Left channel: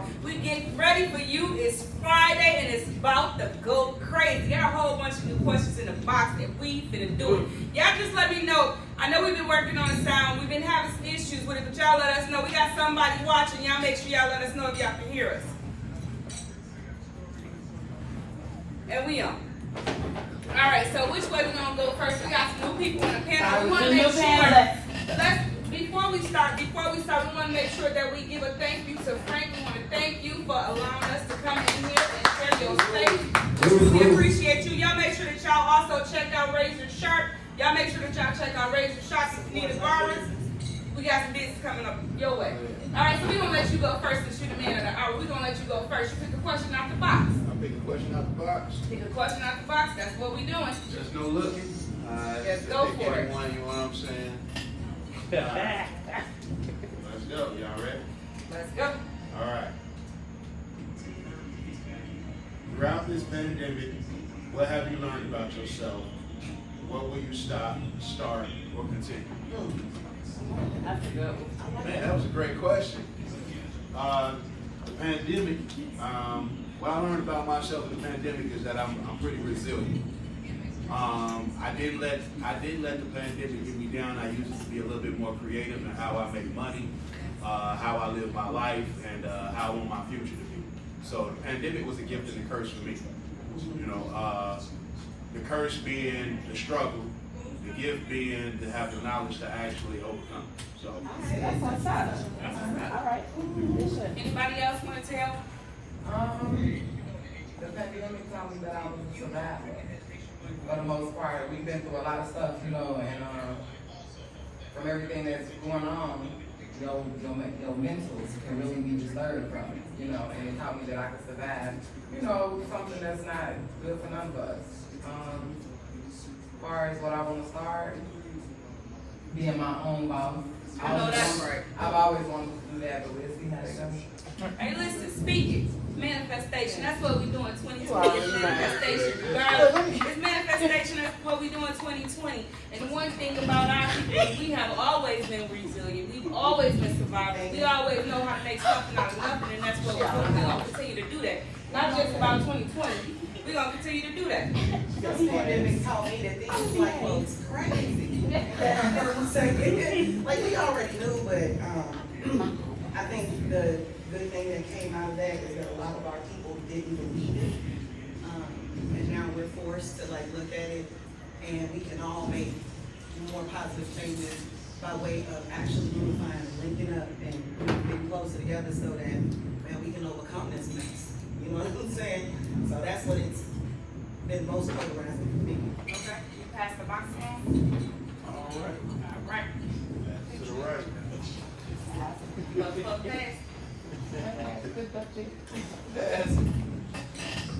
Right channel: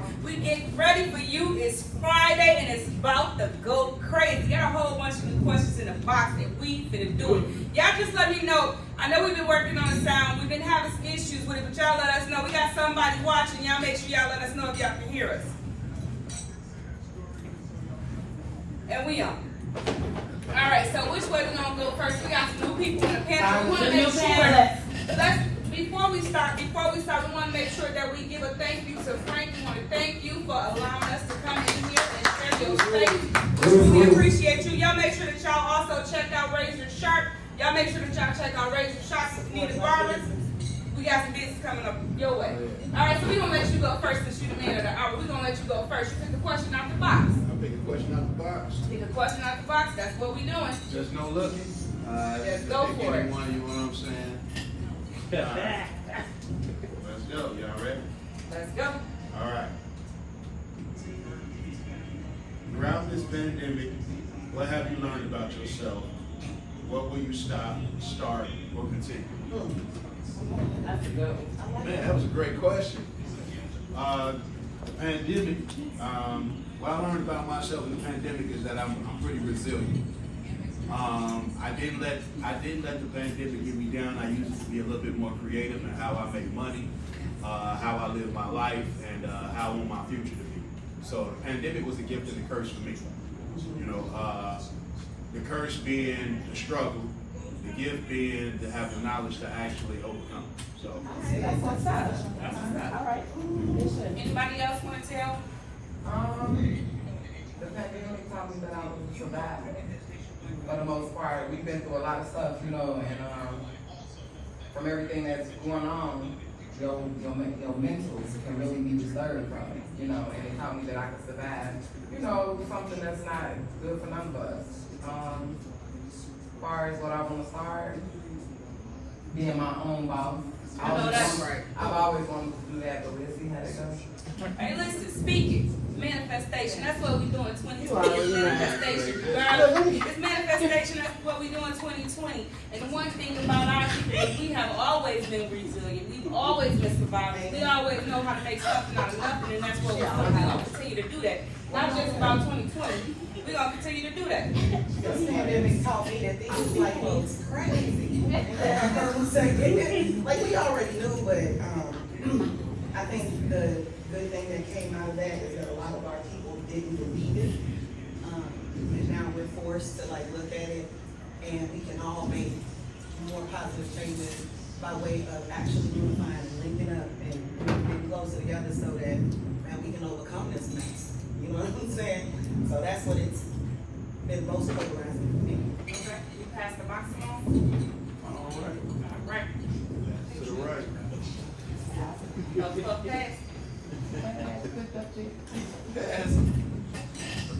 tomorrow. We get ready for you. It's Friday and it's about to go crazy. Got a whole bunch of new questions in the box and we finna do it. Y'all just let me know. I know we've been working on the sound. We've been having some issues with it, but y'all let us know. We got somebody watching. Y'all make sure y'all let us know if y'all can hear us. And we on. All right, so which way we gonna go first? We got some new people in the panel. We want to make sure. Before we start, we want to make sure that we give a thank you to Frank. We want to thank you for allowing us to come in here and share your space. We really appreciate you. Y'all make sure that y'all also check out Razor Sharp. Y'all make sure that y'all check out Razor Sharp if you need a barber. We got some business coming up your way. All right, so we're going to let you go first since you're the man of the hour. We're going to let you go first. You pick the question out the box. I pick a question out the box. Pick a question out the box. That's what we're doing. Just no looking. Just go for it. One, you know what I'm saying? Let's go. Y'all ready? Let's go. All right. Throughout this pandemic, what have you learned about yourself? What will you start, or continue? Man, that was a great question. The pandemic, what I learned about myself in the pandemic is that I'm pretty resilient. I didn't let the pandemic get me down. I used to be a little bit more creative in how I make money, how I live my life, and how I want my future to be. So the pandemic was a gift and a curse for me. You know, the curse being the struggle, the gift being to have the knowledge to actually overcome. So That's what's up. All right. Anybody else want to tell? The pandemic taught me that I was a survivor. For the most part, we've been through a lot of stuff, you know, and from everything that's going on, your mentals can really be disturbed from it, you know, and it taught me that I could survive, you know, something that's not good for none of us. As far as what I want to start, being my own boss. I know that's right. I've always wanted to do that, but we'll see how it goes. Hey, listen, speaking. Manifestation. That's what we do in 2020. It's manifestation. It's manifestation. That's what we do in 2020. And the one thing about our people is we have always been resilient. We've always been survivors. We always know how to make something out of nothing, and that's what we're doing. We're going to continue to do that. Not just about 2020. We're going to continue to do that. This pandemic taught me that things like these crazy. Like we already knew, but I think the good thing that came out of that is that a lot of our people didn't believe it. And now we're forced to like look at it, and we can all make more positive changes by way of actually unifying and linking up and being closer together so that we can overcome this mess. You know what I'm saying? So that's what it's been most polarizing for me. Okay. You pass the box along? all right. All right. To the right. Okay.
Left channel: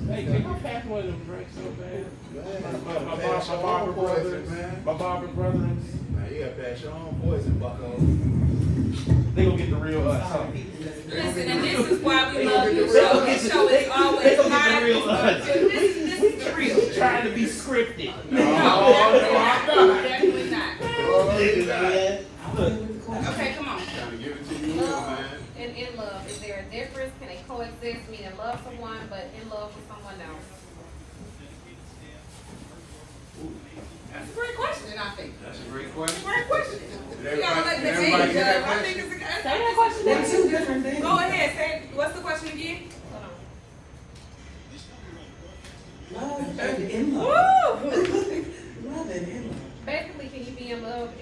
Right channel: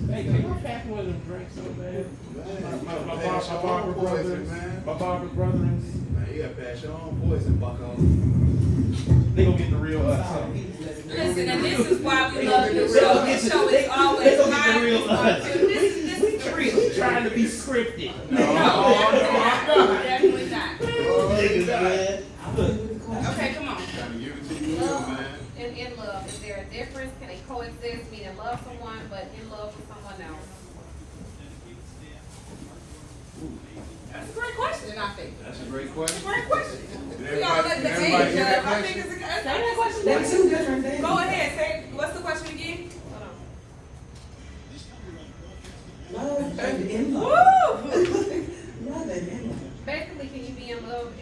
Hey, can you pack one of them drinks so bad? My barber brethren. Yeah, pass your own poison, bucko. They gonna get the real us. Listen, and this is why we love this show. This show is always live. This is the real. Trying to be scripted. No, definitely not. Okay, come on. Trying to give it to you, man. In love, is there a difference? Can they coexist? Meaning love someone, but in love with someone else? That's a great question, I think. That's a great It's a question. great question. We all let the Everybody age get that up. I question? think it's a They're question. two different things. Go ahead, say, what's the question again? Love and in love. Woo! Love and in love. Basically, can you be in love?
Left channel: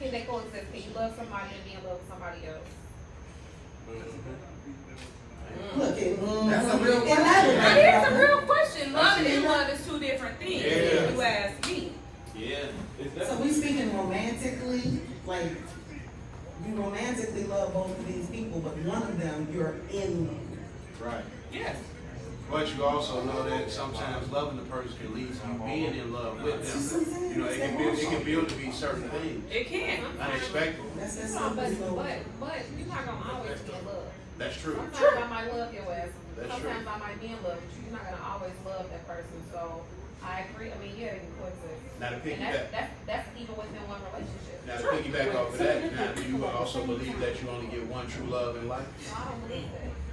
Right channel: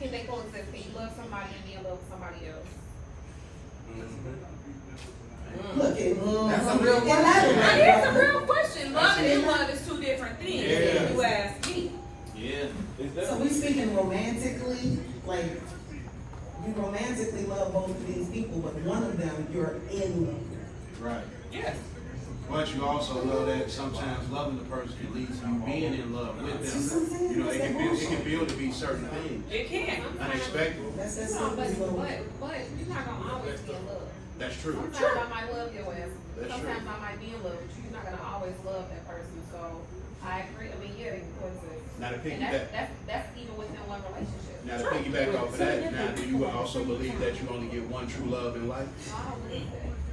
Can they coexist? Can you love somebody and be in love with somebody else? Look, that's a real That is a question. real question. Love and in love is two different things, if you ask me. Yeah. So we speaking romantically, like you romantically love both of these people, but one of them you're in love with. Right. Yes. But you also know that sometimes loving the person can lead to you being in love with them. You know, it can build to be certain things. It can. Unexpected. That's that No, simple but as well. you're not gonna always be in love. That's true. Sometimes I might love your ass. That's Sometimes true. I might be in love, but you're not gonna always love that person. So I agree. I mean, yeah, they can coexist. Now to And piggyback. that's even within one relationship. Now to piggyback off of that, now do you also believe that you only get one true love in life? I don't believe that.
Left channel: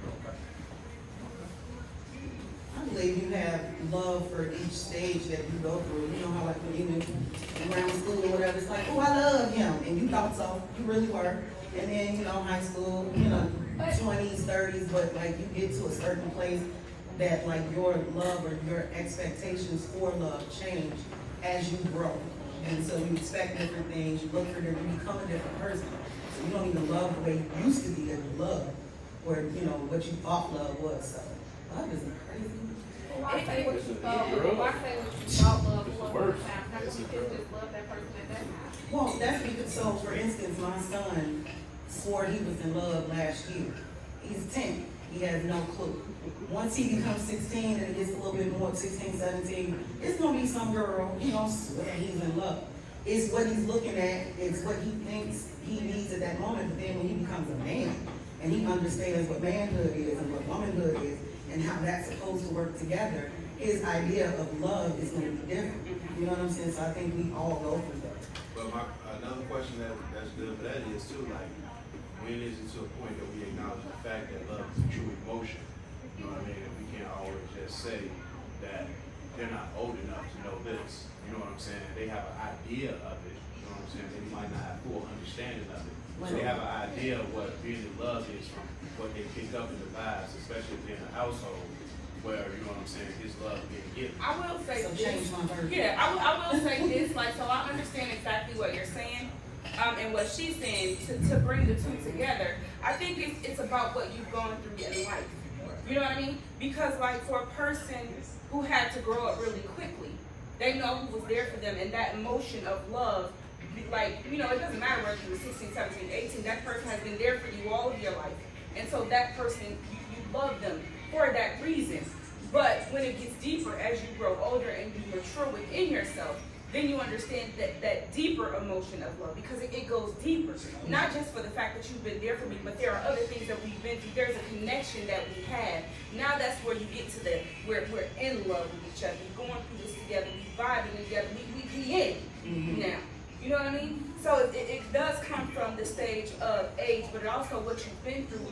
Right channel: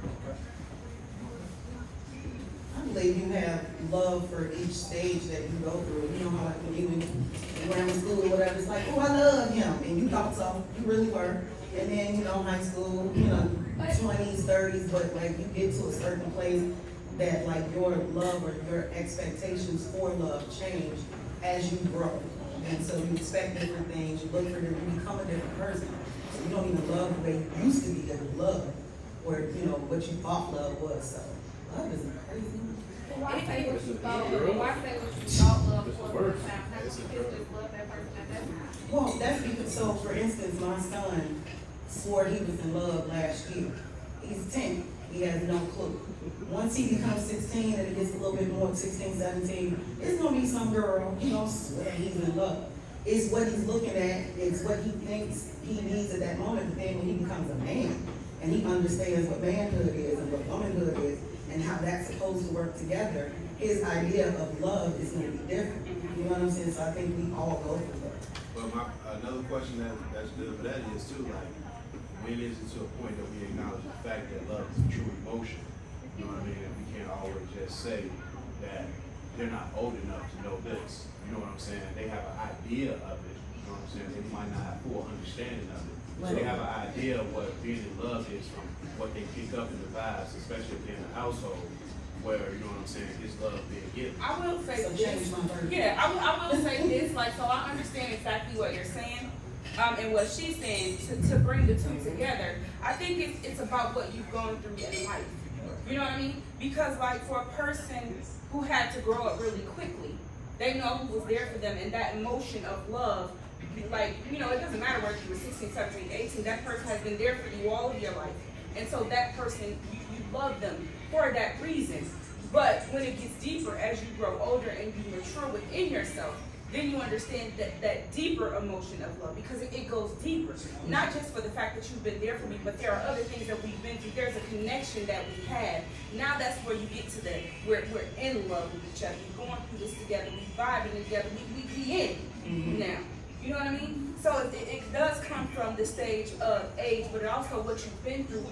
you have love for each stage that you go through. You know how like when you in grammar school or whatever, it's like, oh, I love him, and you thought so, you really were. And then, you know, high school, you know, 20s, 30s, but like you get to a certain place that like your love or your expectations for love change as you grow. And so you expect different things, you look for different, you become a different person. So you don't even love the way you used to be able to love, or, you know, what you thought love was. So love is crazy. Why say what you thought? Why say what you thought love was at the time? How did you just love that person at that time? Well, that's because, so for instance, my son swore he was in love last year. He's 10, he has no clue. Once he becomes 16 and it gets a little bit more, 16, 17, it's gonna be some girl, he don't swear he's in love. It's what he's looking at, it's what he thinks he needs at that moment, but then when he becomes a man, and he understands what manhood is and what womanhood is, and how that's supposed to work together, his idea of love is gonna be different. You know what I'm saying? So I think we all go through that. But another question that's good for that is too, like, when is it to a point that we acknowledge the fact that love is a true emotion? You know what I mean? We can't always just say that they're not old enough to know this. You know what I'm saying? They have an idea of it. You know what I'm saying? They might not have full understanding of it. So they have an idea of what being in love is from what they pick up in the vibes, especially if they're in a household where, you know what I'm saying, his love being given. I will say So this. change my version. Yeah, I will say this. Like, so I understand exactly what you're saying, and what she's saying to bring the two together. I think it's about what you've gone through in life. You know what I mean? Because like for a person who had to grow up really quickly, they know who was there for them, and that emotion of love. Like, you know, it doesn't matter whether you were 16, 17, 18, that person has been there for you all of your life. And so that person, you love them for that reason. But when it gets deeper, as you grow older and you mature within yourself, then you understand that deeper emotion of love, because it goes deeper. Not just for the fact that you've been there for me, but there are other things that we've been through. There's a connection that we had. Now that's where you get to where we're in love with each other. We're going through this together. We vibing together. We in now. You know what I mean? So it does come from the stage of age, but it also what you've been through.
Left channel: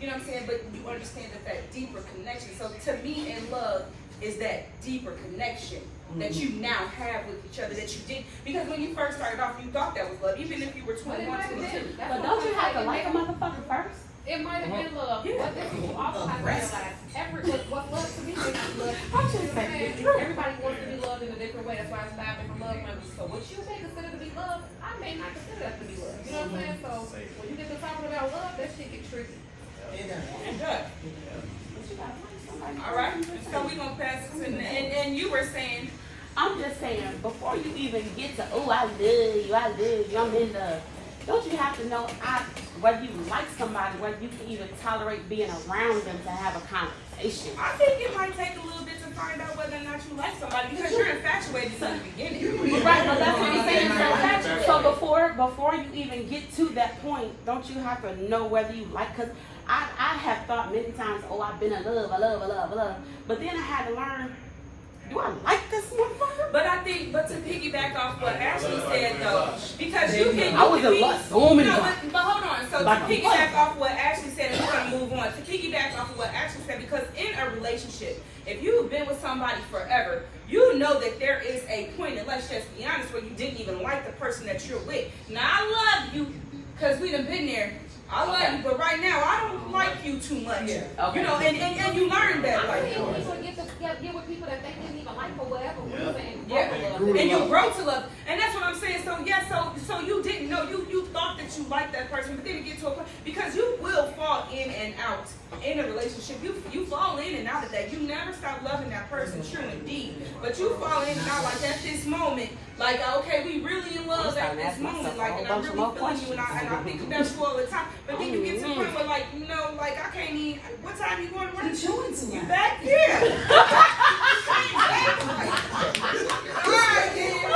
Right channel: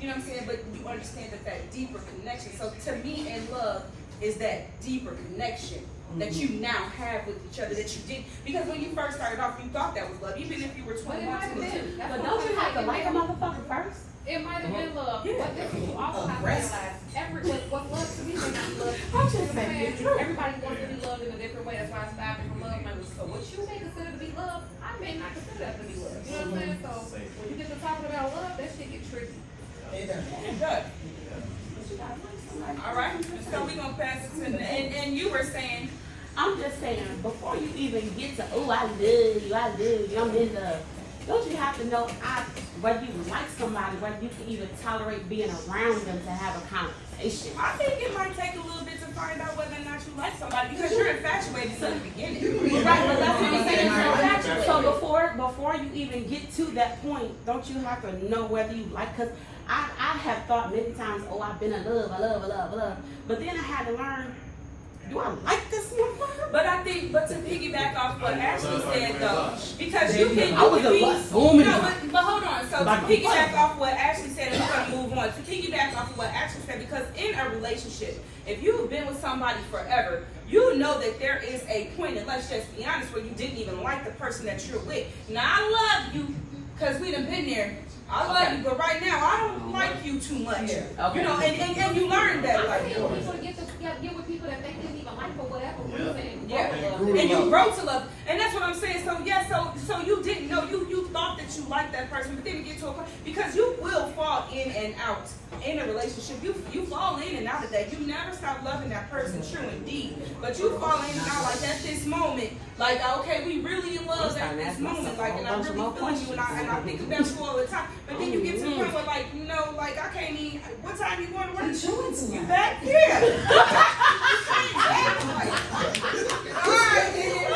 You know what I'm saying? But you understand that deeper connection. So to me, in love is that deeper connection that you now have with each other that you did. Because when you first started off, you thought that was love, even if you were 21, 22. But don't you have to like a motherfucker first? It might have been love, Yeah. but this is also have to realize what love to me is love. I'm just saying it's true. Everybody wants to be loved in a different way. That's why I started from love language. So what you may consider to be love, I may not consider that to be love. You know what I'm saying? So when you get to talking about love, that shit get tricky. It does. All right. So we're going to pass it to, and you were saying, I'm just saying, before you even get to, oh, I love you, I'm in love. Don't you have to know whether you like somebody, whether you can even tolerate being around them to have a conversation? I think it might take a little bit to find out whether or not you like somebody, because you're infatuated in the beginning. Right, but that's what I'm saying. You're infatuated. So before you even get to that point, don't you have to know whether you like? Because I have thought many times, oh, I've been in love, I love. But then I had to learn, do I like this motherfucker? But to piggyback off what Ashley said though, because you can, I was in lust so many times. but hold on. So to Like piggyback off what Ashley said, and we're gonna move on. To piggyback off of what Ashley said, because in a relationship, if you've been with somebody forever, you know that there is a point, and let's just be honest, where you didn't even like the person that you're with. Now I love you, because we done been there. I love you, but right now I don't like you too much. Okay. You know, and you learn that. I Like, mean, people get with people that they didn't even like for whatever reason. yeah, and you grow to love, and that's what I'm saying. So yeah, so you didn't know, you thought that you liked that person, but then you get to a point, because you will fall in and out in a relationship. You fall in and out of that. You never stop loving that person, true indeed. But you fall in and out, like at this moment, like okay, we really in love at this moment, like, and I'm really feeling you, and I think about you all the time. But then you get to the point where, like, you know, like I can't even. What time you going to work? You back? Yeah. Alright then.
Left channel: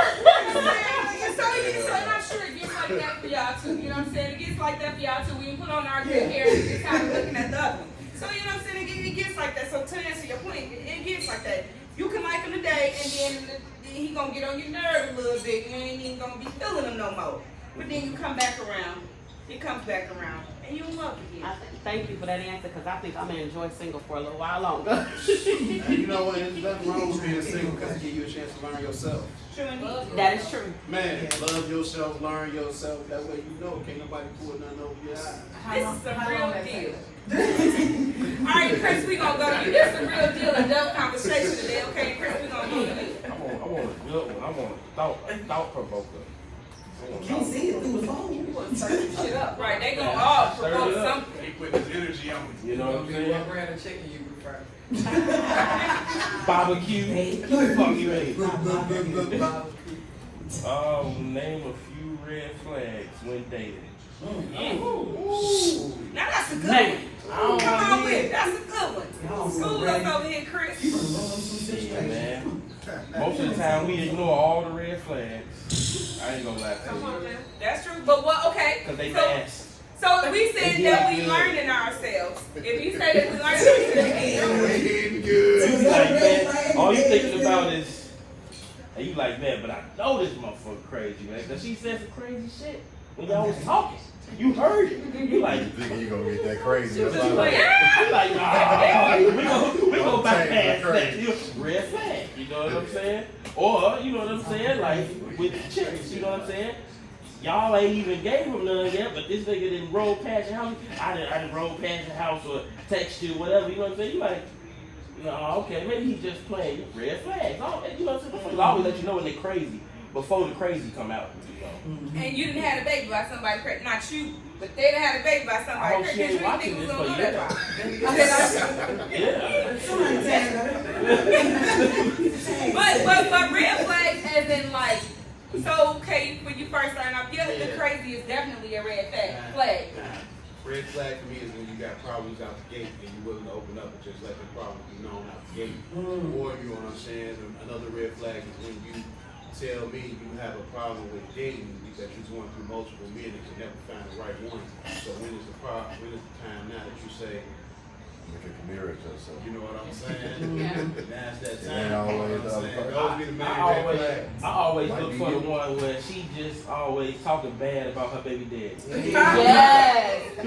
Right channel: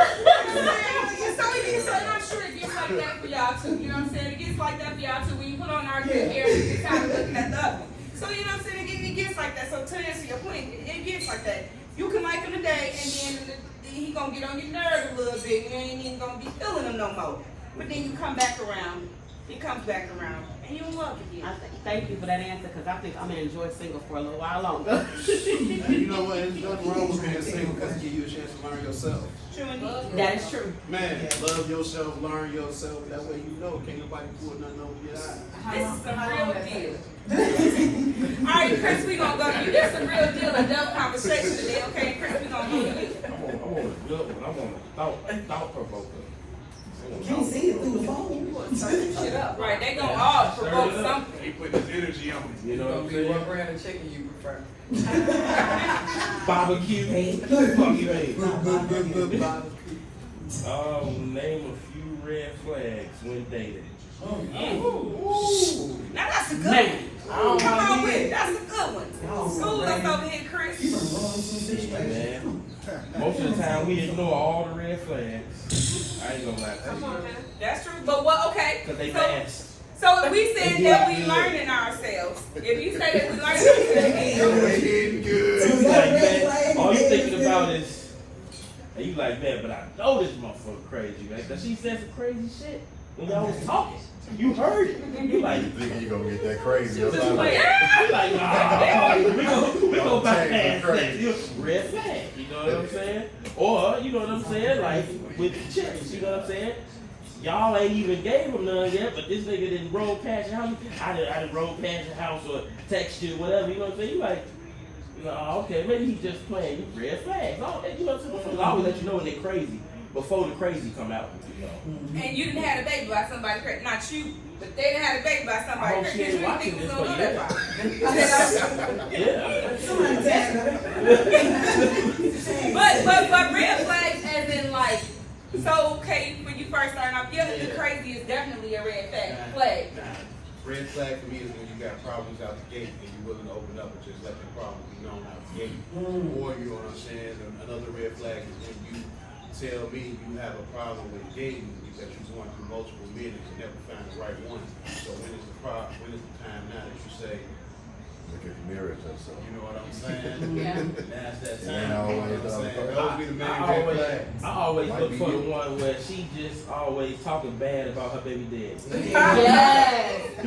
So I'm sure it gets like that for y'all too. You know what I'm saying? It gets like that for y'all too. When you put on our good hair and you're kind of looking at the other one. So you know what I'm saying? It gets like that. So to answer your point, it gets like that. You can like him today, and then he gonna get on your nerve a little bit. You ain't even gonna be feeling him no more. But then you come back around. It comes back around, And you in love again. Thank you for that answer, because I think I'm gonna enjoy single for a little while longer. And you know what? There's nothing wrong with being single because it gives you a chance to learn yourself. True indeed. That is true. Man, love yourself, learn yourself. That way you know. Can't nobody pull nothing over your eye. This is some real deal. All right, Chris, we gonna go to you. This is some real deal and dumb conversation today, okay? Chris, we gonna go to you. I want a good one. I want a thought provoker. You can't see it through the phone. Shit up. Right, they gonna all provoke something. He put his energy on you. You know what I'm What saying? brand of chicken you prefer? Barbecue. Fuck you, hey. Bob. Name a few red flags when dating. Ooh. Now that's a good Man. one. Come on with it. That's a good one. School us over here, Chris. Man, most of the time we ignore all the red flags. I ain't gonna lie to you. That's true. But what? Okay. Cause they So, fast. so we said that we learning ourselves. If you say that we learning ourselves, Eating good. You like that. All you thinking about is, and you like that, but I know this motherfucker crazy, man. Cause she said some crazy shit when y'all was talking. You heard it. You like, You think you gonna get that crazy? That's you like, you like, we gonna Don't bypass change the that. crazy. You know, red flag. You know what I'm saying? Or you know what I'm saying? Like with the chicks, you know what I'm saying? Y'all ain't even gave him none yet, but this nigga didn't roll past your house. I didn't roll past your house or text you, whatever. You know what I'm saying? You like, okay, maybe he's just playing. You red flags. You know what I'm saying? I always let you know when they're crazy before the crazy come out. You know. and you didn't have a baby by somebody crazy. Not you, but they didn't have a baby by somebody crazy. Because you didn't think we was gonna go that far. Yeah. But red flags as in like, so okay, when you first starting off, yeah, the crazy is definitely a red flag. Red flag for me is when you got problems out the gate and you're willing to open up and just let the problem be known out the gate. Or, you know what I'm saying? Another red flag is when you tell me you have a problem with dating because you're going through multiple men and never find the right one. So when is the time now that you say, Look at the mirror to yourself. you know what I'm saying? That's that It time. ain't You know always what I'm the other saying? person. Those be the main red flags. I always Might look be for the you. one where she just always talking bad about her baby daddy. Yes.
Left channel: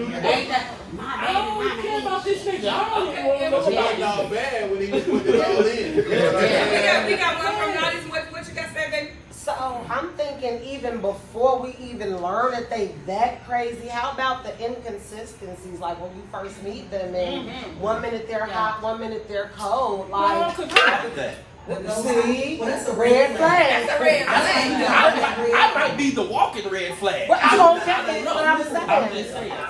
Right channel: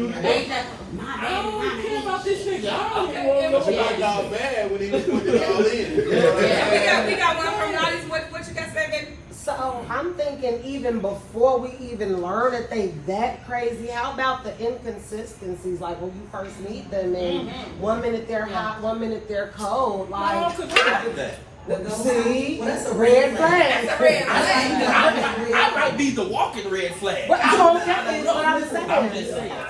My I don't really care about this nigga. I don't even That's want why to y'all bad when he was putting it all in. You know what I'm saying? We got one from Naughty's. What you got to say, baby? So I'm thinking even before we even learn that they that crazy, how about the inconsistencies? Like when you first meet them and 1 minute they're hot, 1 minute they're cold. Like, that. see, Well, that's a red red flag. That's a red flag. I might be the walking red flag. But I don't get it. What I'm I'm just saying. saying.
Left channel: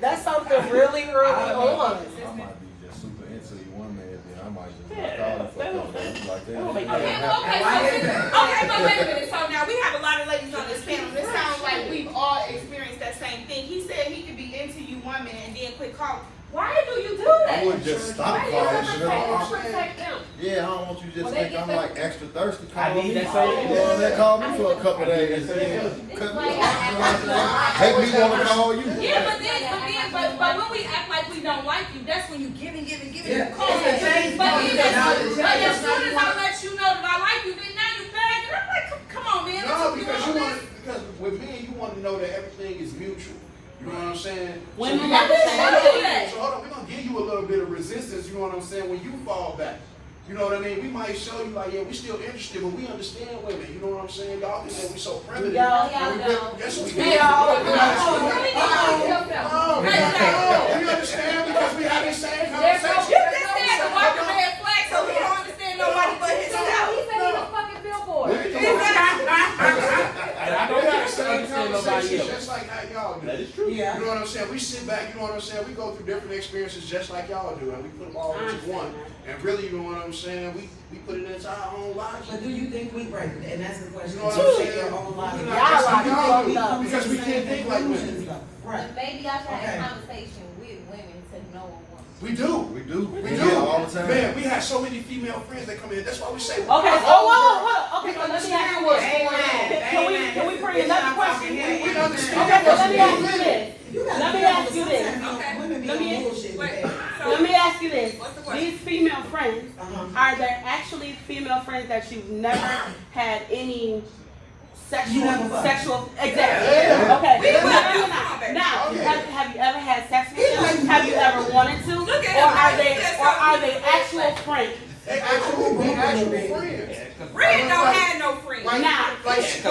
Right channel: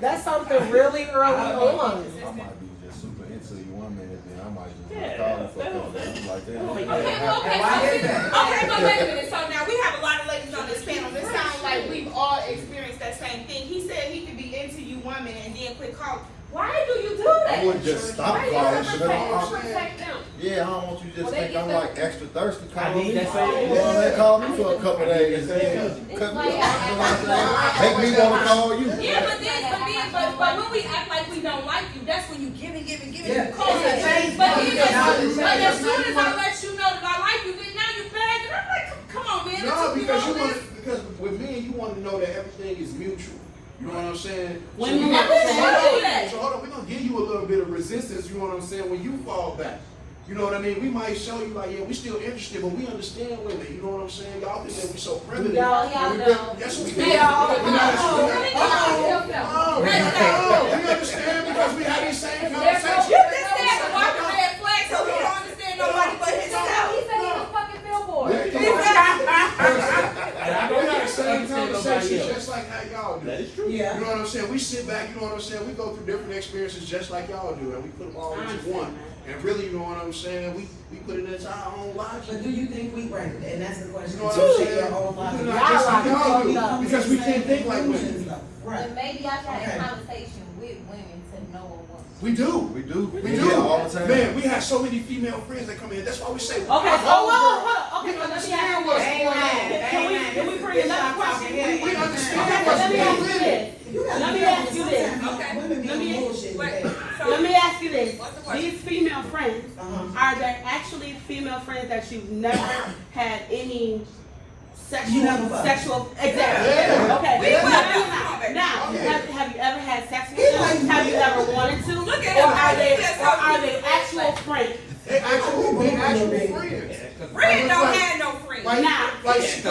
That's something really, really on. I might be just super into you one minute, then I might just not call you for a couple days. You like that? Okay, but wait a minute. So now we have a lot of ladies on this panel. This sounds like we've all experienced that same thing. He said he could be into you 1 minute and then quit calling. Why do you do that? I wouldn't just stop calling. Shit. Protect them. Yeah, I don't want you to just think I'm like extra thirsty. I Call need me. that same. Yeah, they call me for a couple days. Then cut me off. You know what I'm saying? Make me want to call you. Yeah, but when we act like we don't like you, that's when you giving, you call Yeah. it. But as soon as I let you know that I like you, then now you bag and I'm like, come on, man. No, because you because with me, you want to know that everything is mutual. You know what I'm saying? When So you we have gonna- to do that. So hold on, we're gonna give you a little bit of resistance, you know what I'm saying, when you fall back. You know what I mean? We might show you like, yeah, we still interested, but we understand women. You know what I'm saying? Y'all think that we so primitive. Yeah, And we yeah, really- no. Yes, we do. Hey, We understand because we have these same conversations. You just said to walk a red flag, so he don't understand nobody but himself. He said he was fucking billboard. I know we have the same conversations just like how y'all do. That is true. Yeah. You know what I'm saying? We sit back, you know what I'm saying? We go through different experiences just like y'all do, and we put them all into one. And really, you know what I'm saying? We put it into our own lives. But do you think we right? And that's the question. You know what Do you I'm think saying? your whole life? We're not just like y'all do, come to because the we same can't think like conclusions, women. though. Right. But maybe I've had Okay. a conversation with women to know a woman. We do. We do. We Yeah, do. all the time. Man, we have so many female friends that come in. That's why we say. Okay, hold on. Okay, We so let me understand ask you what's this. going on. Can we bring another question? We Okay, understand so what's let me ask you going on. this. You gotta Let me be ask you this. sometimes Okay. Women be Let me- on bullshit with Wait, that. so Let me ask you this. What's the question? These female friends, Uh-huh. are there actually female friends that you've never had any sexual, exactly. Yeah. Okay. We will. Now, Come on, baby. have you ever had sex with them? Have you ever wanted to? Look at or him. are they, That's or so are they cute. actual friends? They actually friends. Red don't have no friends. Like, Now- like she's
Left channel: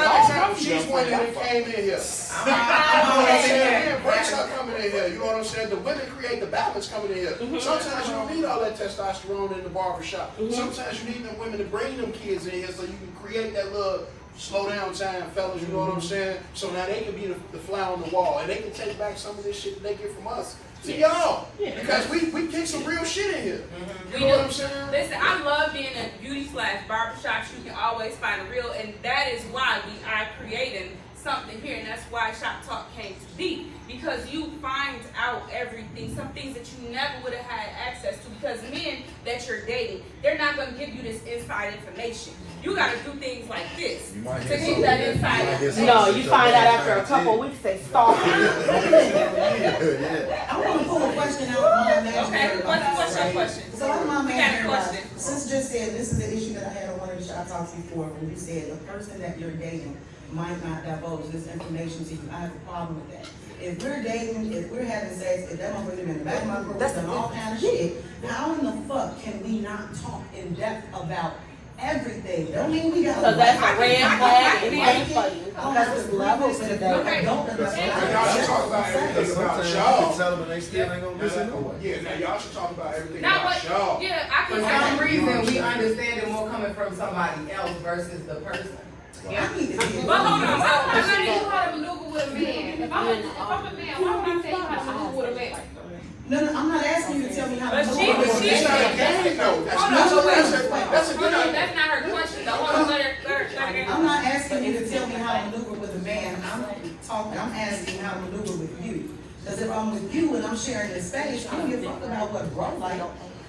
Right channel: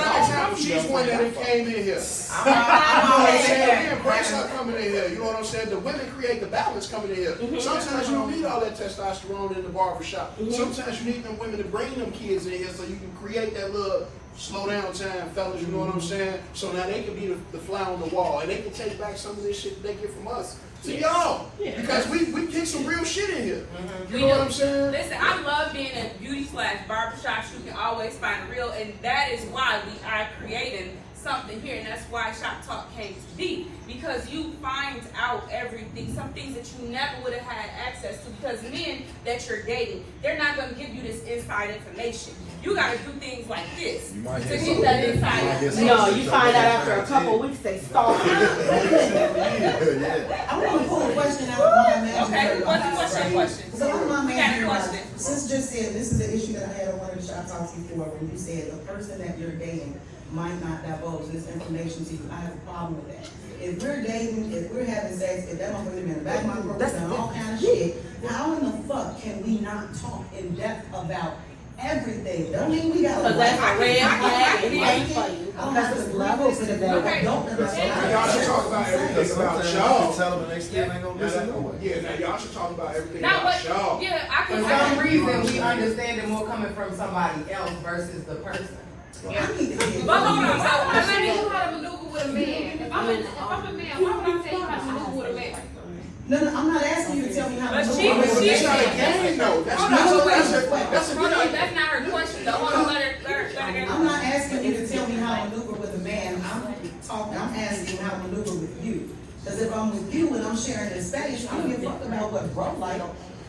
one that came in here. I'm always saying, Breaks her coming in here. You know what I'm saying? The women create the balance coming in here. Sometimes you don't need all that testosterone in the barbershop. Sometimes you need them women to bring them kids in here so you can create that little slow down time, fellas. You know what I'm saying? So now they can be the fly on the wall and they can take back some of this shit that they get from us to y'all. Because we kick some real shit in here. You know what I'm saying? Listen, I love being in beauty/barbershops. You can always find real, and that is why we are creating something here, and that's why Shop Talk came to be, because you find out everything, some things that you never would have had access to, because men that you're dating, they're not going to give you this inside information. You got to do things like this You might to hear get something. that You inside might hear information. No, you find out after a couple of weeks they stalking. Yeah. I want to pull a question out of my imaginary. Okay, what's your question? So I'm my We got a imaginary. question. Since just said, this is the issue that I had on one of the shop talks before, when you said the person that you're dating might not divulge this information to you. I have a problem with that. If we're dating, if we're having sex, if that motherfucker in the back of my throat and all kind of shit, how in the fuck can we not talk in depth about everything? Don't mean we gotta So that's a red flag and like it's it. funny. I don't have to levels to the Okay. don't Y'all should talk about Because everything about sometimes you y'all. can tell them and they still ain't gonna listen no way. Yeah, now y'all should talk about everything Now, about but y'all. yeah, I for can. some reason, we understand it more coming from somebody else versus the person. I need to get But hold on, I let tell me. you how to maneuver with a man. If I'm a man, why would I tell you how to maneuver with a man? No, I'm not asking you to tell me how But to she- do it. she- That's not a game, though. That's Hold not on, a wait. question. That's a Hold good on, idea. that's not her question. though. Hold on, let her go. I'm not asking you to tell me how to maneuver with a man. I'm asking how to maneuver with you. Because if I'm with you and I'm sharing this space, I don't give a fuck about what bro like.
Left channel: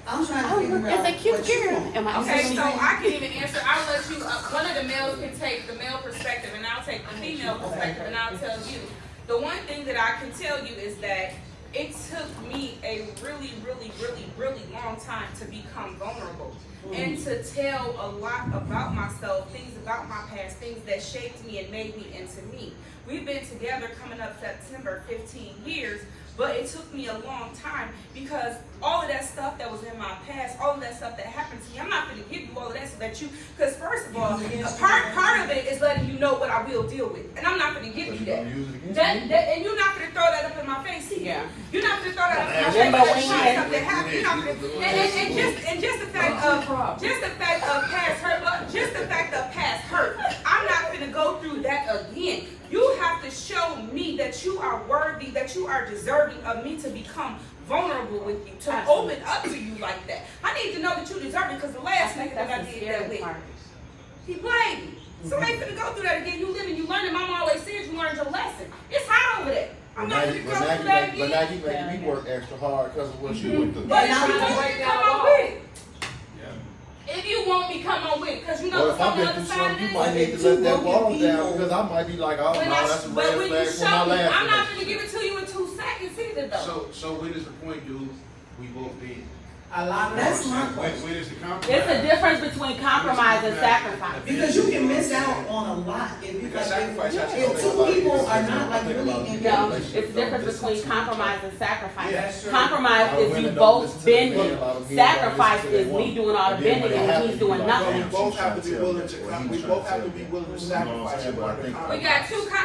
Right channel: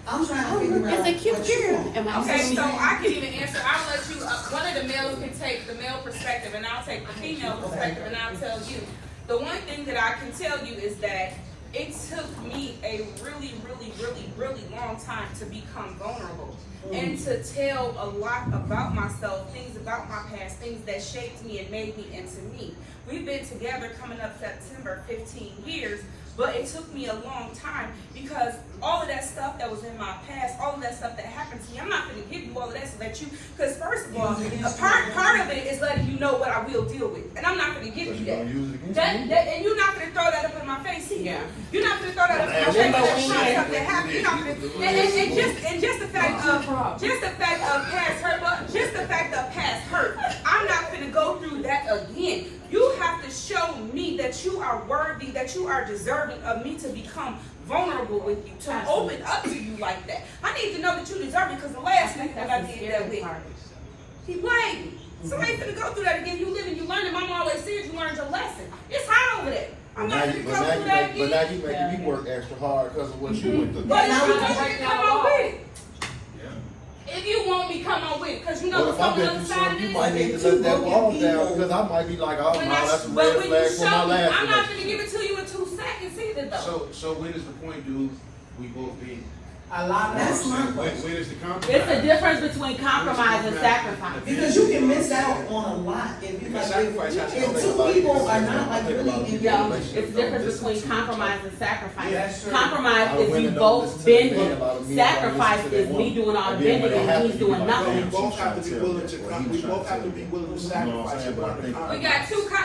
I'm trying to figure out what you want. Am I Okay, saying so anything? I can even answer. I'll let you. One of the males can take the male perspective, and I'll take the female perspective, and I'll tell you. The one thing that I can tell you is that it took me a really, really, really, really long time to become vulnerable and to tell a lot about myself, things about my past, things that shaped me and made me into me. We've been together coming up September 15 years. But it took me a long time because all of that stuff that was in my past, all of that stuff that happened to me, I'm not going to give you all of that so that you, because first of all, a part of it is letting you know what I will deal with. And I'm not going to give you Because you're gonna use it against that. And you're not going to throw that up in my face either. Yeah. You're not going to throw that up in my face. That's stuff that happened. You're not gonna, and just the fact of past hurt, but just the fact of past hurt, I'm not going to go through that again. You have to show me that you are worthy, that you are deserving of me to become vulnerable with you, to open up to you like that. I need to know that you deserve it because the last nigga that I did that with, he played me. So I ain't finna go through that again. You live and you learn, and Mama always says you learned your lesson. It's hot over there. I'm not finna go through that But now again. you making me work extra hard because of what you went through. But if you want me to come on with it. If you want me, come on with it, because you know Well, if what's I've on the been other through side of something, you this. might need to let that wall down because I might be like, oh no, that's a But red when you flag for my show me, last I'm not relationship. gonna give it to you in 2 seconds either, though. So when is the point do we both be? A lot of That's my When question. is the compromise? It's the difference between compromise and sacrifice. Because you can miss out on a lot if you Because like, sacrifice has to if go two back. people are not like really engaged. No, it's the difference between compromise and sacrifice. Yeah, that's true. Compromise A lot of is you women don't both listen to their men, bending. a lot of men don't Sacrifice listen to their is me woman. doing all the And then when bending it and happens, he's you doing be like, nothing. We damn, both she's have to trying be tell willing me. to Or come. he We was trying both to have to tell be me. willing to You know what I'm sacrifice. saying? But I think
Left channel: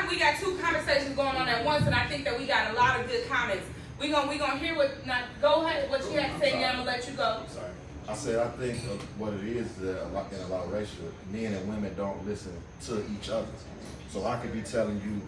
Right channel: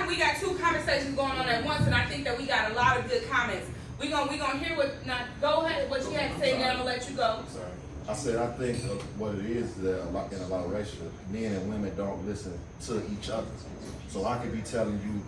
We got two conversations going on at once, and I think that we got a lot of good comments. We gonna hear what. Now, go ahead. What you have to say, then I'm gonna let you go. Sorry. I said I think what it is that in a lot of relationships, men and women don't listen to each other. So I could be telling you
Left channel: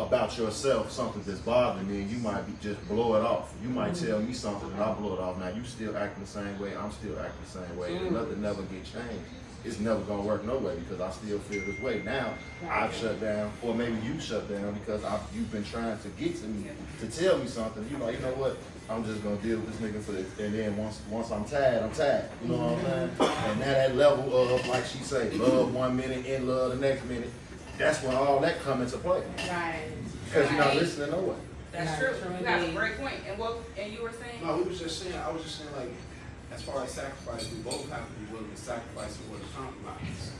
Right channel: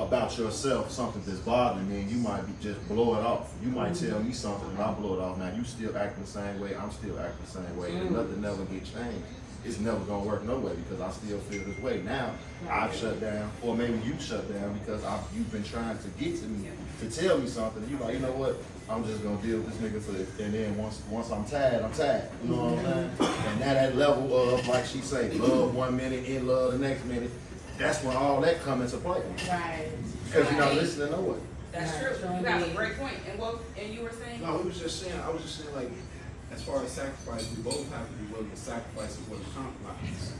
about yourself something that's bothering me, and you might be just blow it off. You might tell me something and I blow it off. Now you still acting the same way, I'm still acting the same way, and nothing never get changed. It's never gonna work no way because I still feel this way. Now I've shut down, or maybe you shut down because you've been trying to get to me to tell me something. And you're like, you know what? I'm just gonna deal with this nigga for this. And then once I'm tired, I'm tired. You know what I'm saying? And now that level of, like she say, love 1 minute, in love the next minute, that's when all that come into play. Right. Because you're not listening to no one. That's true. You got a great point. And you were saying? No, we was just saying. I was just saying like, as far as sacrifice, we both have to be willing to sacrifice in order to compromise.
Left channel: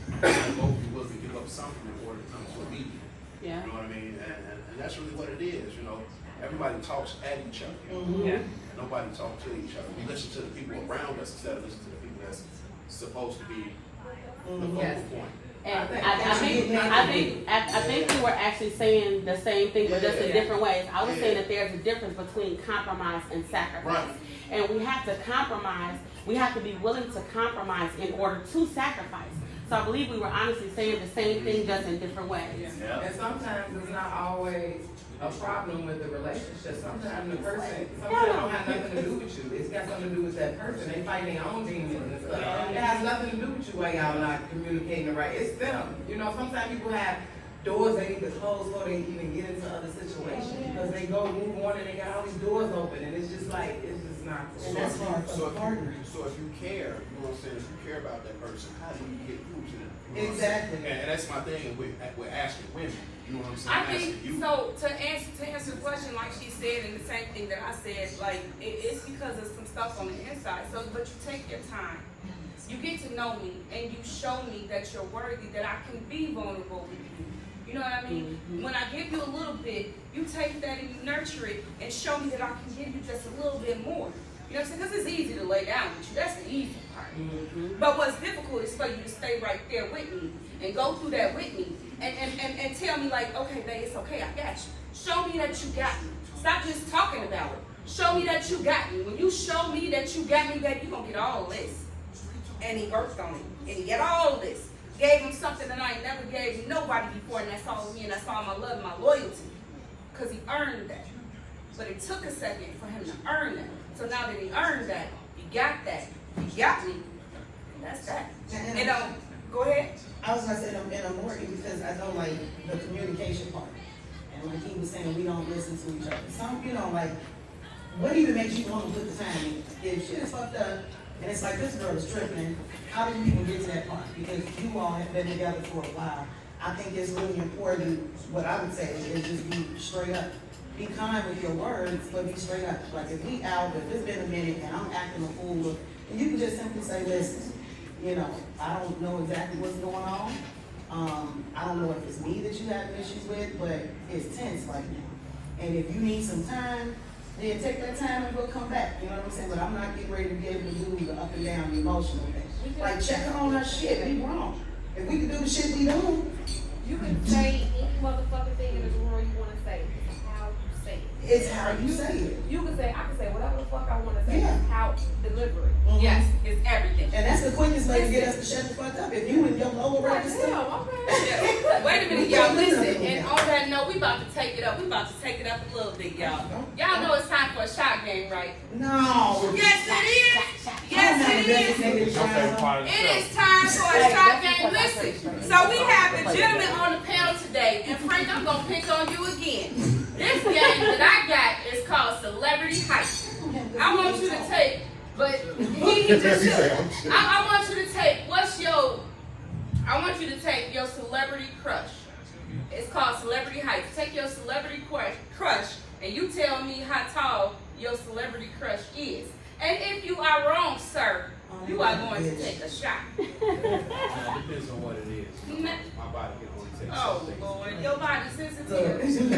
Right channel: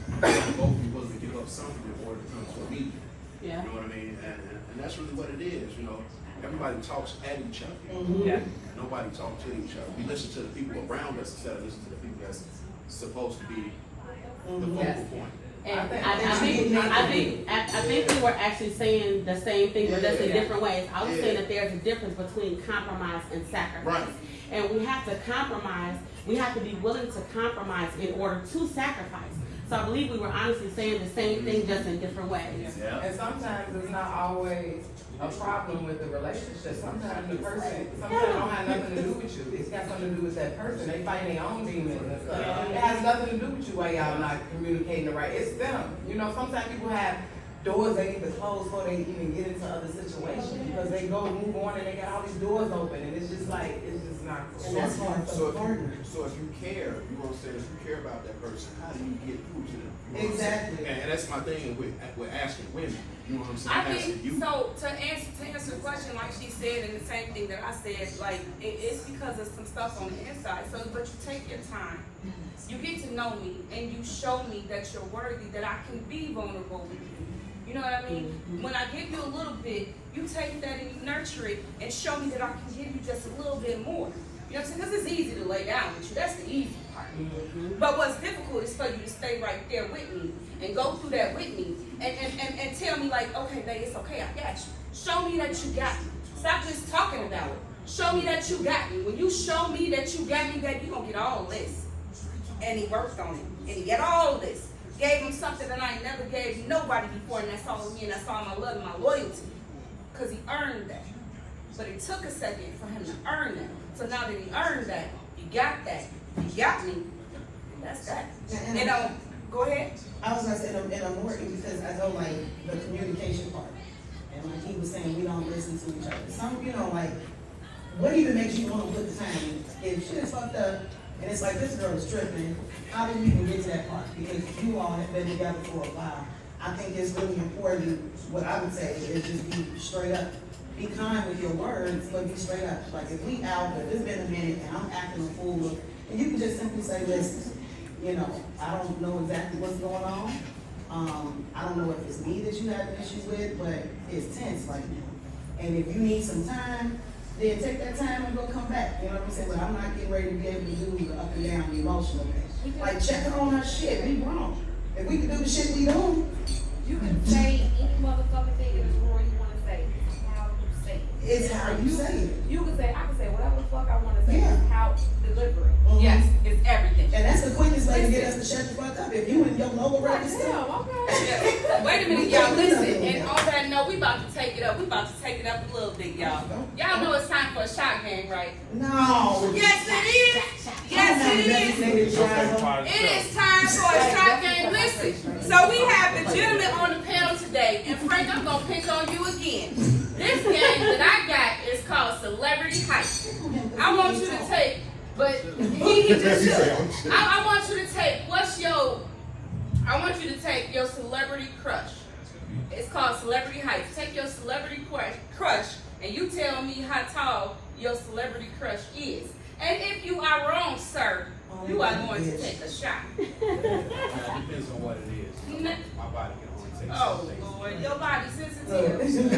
We both be willing to give up something in order to come to a meeting. Yeah. You know what I mean? And that's really what it is, you know. Everybody talks at each other. Yeah. Nobody talks to each other. We listen to the people around us instead of listening to the people that's supposed to be the focal point. And I think you were actually saying the same thing, but just in different ways. I was saying that there's a difference between compromise and sacrifice. Right. And we have to compromise, we have to be willing to compromise in order to sacrifice. So I believe we were honestly saying the same thing, just in different ways. Yeah. And sometimes it's not always a problem with the relationship. Sometimes the person, sometimes it don't have nothing to do with you. It's got something to do with that person. They fight their own demons and stuff. It has nothing to do with you while y'all not communicating the right. It's them. You know, sometimes people have doors they need to close before they even get into other situations because they go move on and they got all these doors open and it's just like, it's just not cool. And that's hard for the partner. So if you care, you know what I'm saying, if you care about that person, how do you get through to them? You know what I'm Exactly. saying? And that's my thing with asking women. You know what I'm saying? I Asking think you. so. To answer the question, like she said, and the same thing that I said, like it's because of some stuff on the inside. So, but you take your time, you get to know me, and you show me that you're worthy, that I can be vulnerable with you. You know what I mean? When I give you a little bit, you take that and you nurture it, and show me that I can give you just a little bit more. You know what I'm saying? Because it's easy to lay down with you. That's the easy part. But what's difficult is for you to stay right there with me and go through that with me and tell me like, okay, babe, it's okay, I got you. Show me that you got me. Stop just talking about it. Show me that you got me. When you show me that you got me, baby, you're going to get all this. And he worked on it. And he got all this. Gave him something that I ain't never gave nobody before, and that's all me, and that's all my love and my loyalty. Because he earned that. But it took a second for him to earn that. So now that he earned that, he got that, he got me, and that's that. And go ahead. I was gonna say, and I'm working because I don't like the communication part. And when he was saying we don't listen to each other. Some, you know, like, what even makes you want to put the time in? If shit is fucked up, and it's like, this girl is tripping, how did we even get to that part? Because you all have been together for a while. I think it's really important, what I would say is just be straight up. Be kind with your words, but be straight up. Like if we out, if it's been a minute and I'm acting a fool, look, and you can just simply say, listen, you know, I don't know exactly what's going on. I don't know if it's me that you have issues with, but it's tense right now. And if you need some time, then take that time and go come back. You know what I'm saying? But I'm not getting ready to be able to do the up and down the emotional thing. Like check on her shit, we wrong. If we could do the shit we do, You can say any motherfucking thing in the world you want to say. How you say it. it's how you say it. You can say, I can say whatever the fuck I want to say. Yeah. How you deliver it. Yes, it's everything. And that's the quickest way to get us to shut the fuck up. If you and your lower record stuff. Okay. Wait a minute, y'all, listen. And on that note, we about to take it up. We about to take it up a little bit, y'all. Y'all know it's time for a shot game, right? No. Yes, it is. Yes, it is. It is time for a shot game. Listen, so we have the gentleman on the panel today, and Frank, I'm gonna pick on you again. This game that I got is called Celebrity Heist. I want you to take, but he just should. I want you to take. I want you to take your celebrity crush. It's called Celebrity Heist. Take your celebrity crush, and you tell me how tall your celebrity crush is. And if you are wrong, sir, you are going to take a shot. It depends on what it is. My body can only take Oh, some things. Lord, your body's sensitive. You